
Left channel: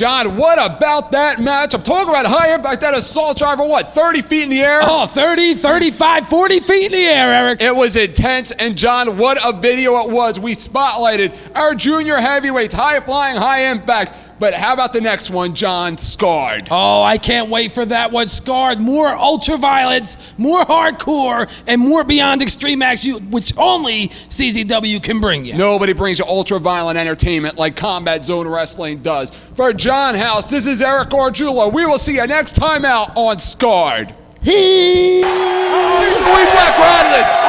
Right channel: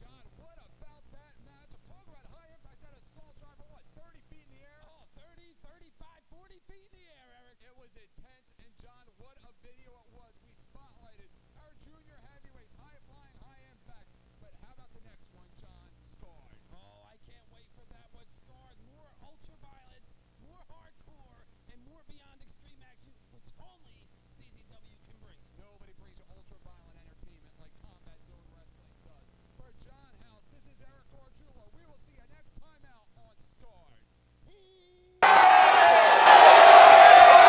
John, what about that match? I'm talking about high impact, that assault driver, what, 30 feet in the air? Oh, 30, 35, 40 feet in the air, Eric. It was intense, and John, what a video it was. We spotlighted our junior heavyweights, high flying, high impact. But how about the next one, John? Scarred. Oh, I can't wait for that one. Scarred, more ultraviolence, more hardcore, and more beyond extreme action, which only CZW can bring you. Nobody brings you ultra-violent entertainment like Combat Zone Wrestling does. For John House, this is Eric Orjulo. We will see you next time out on Scarred. We work on this.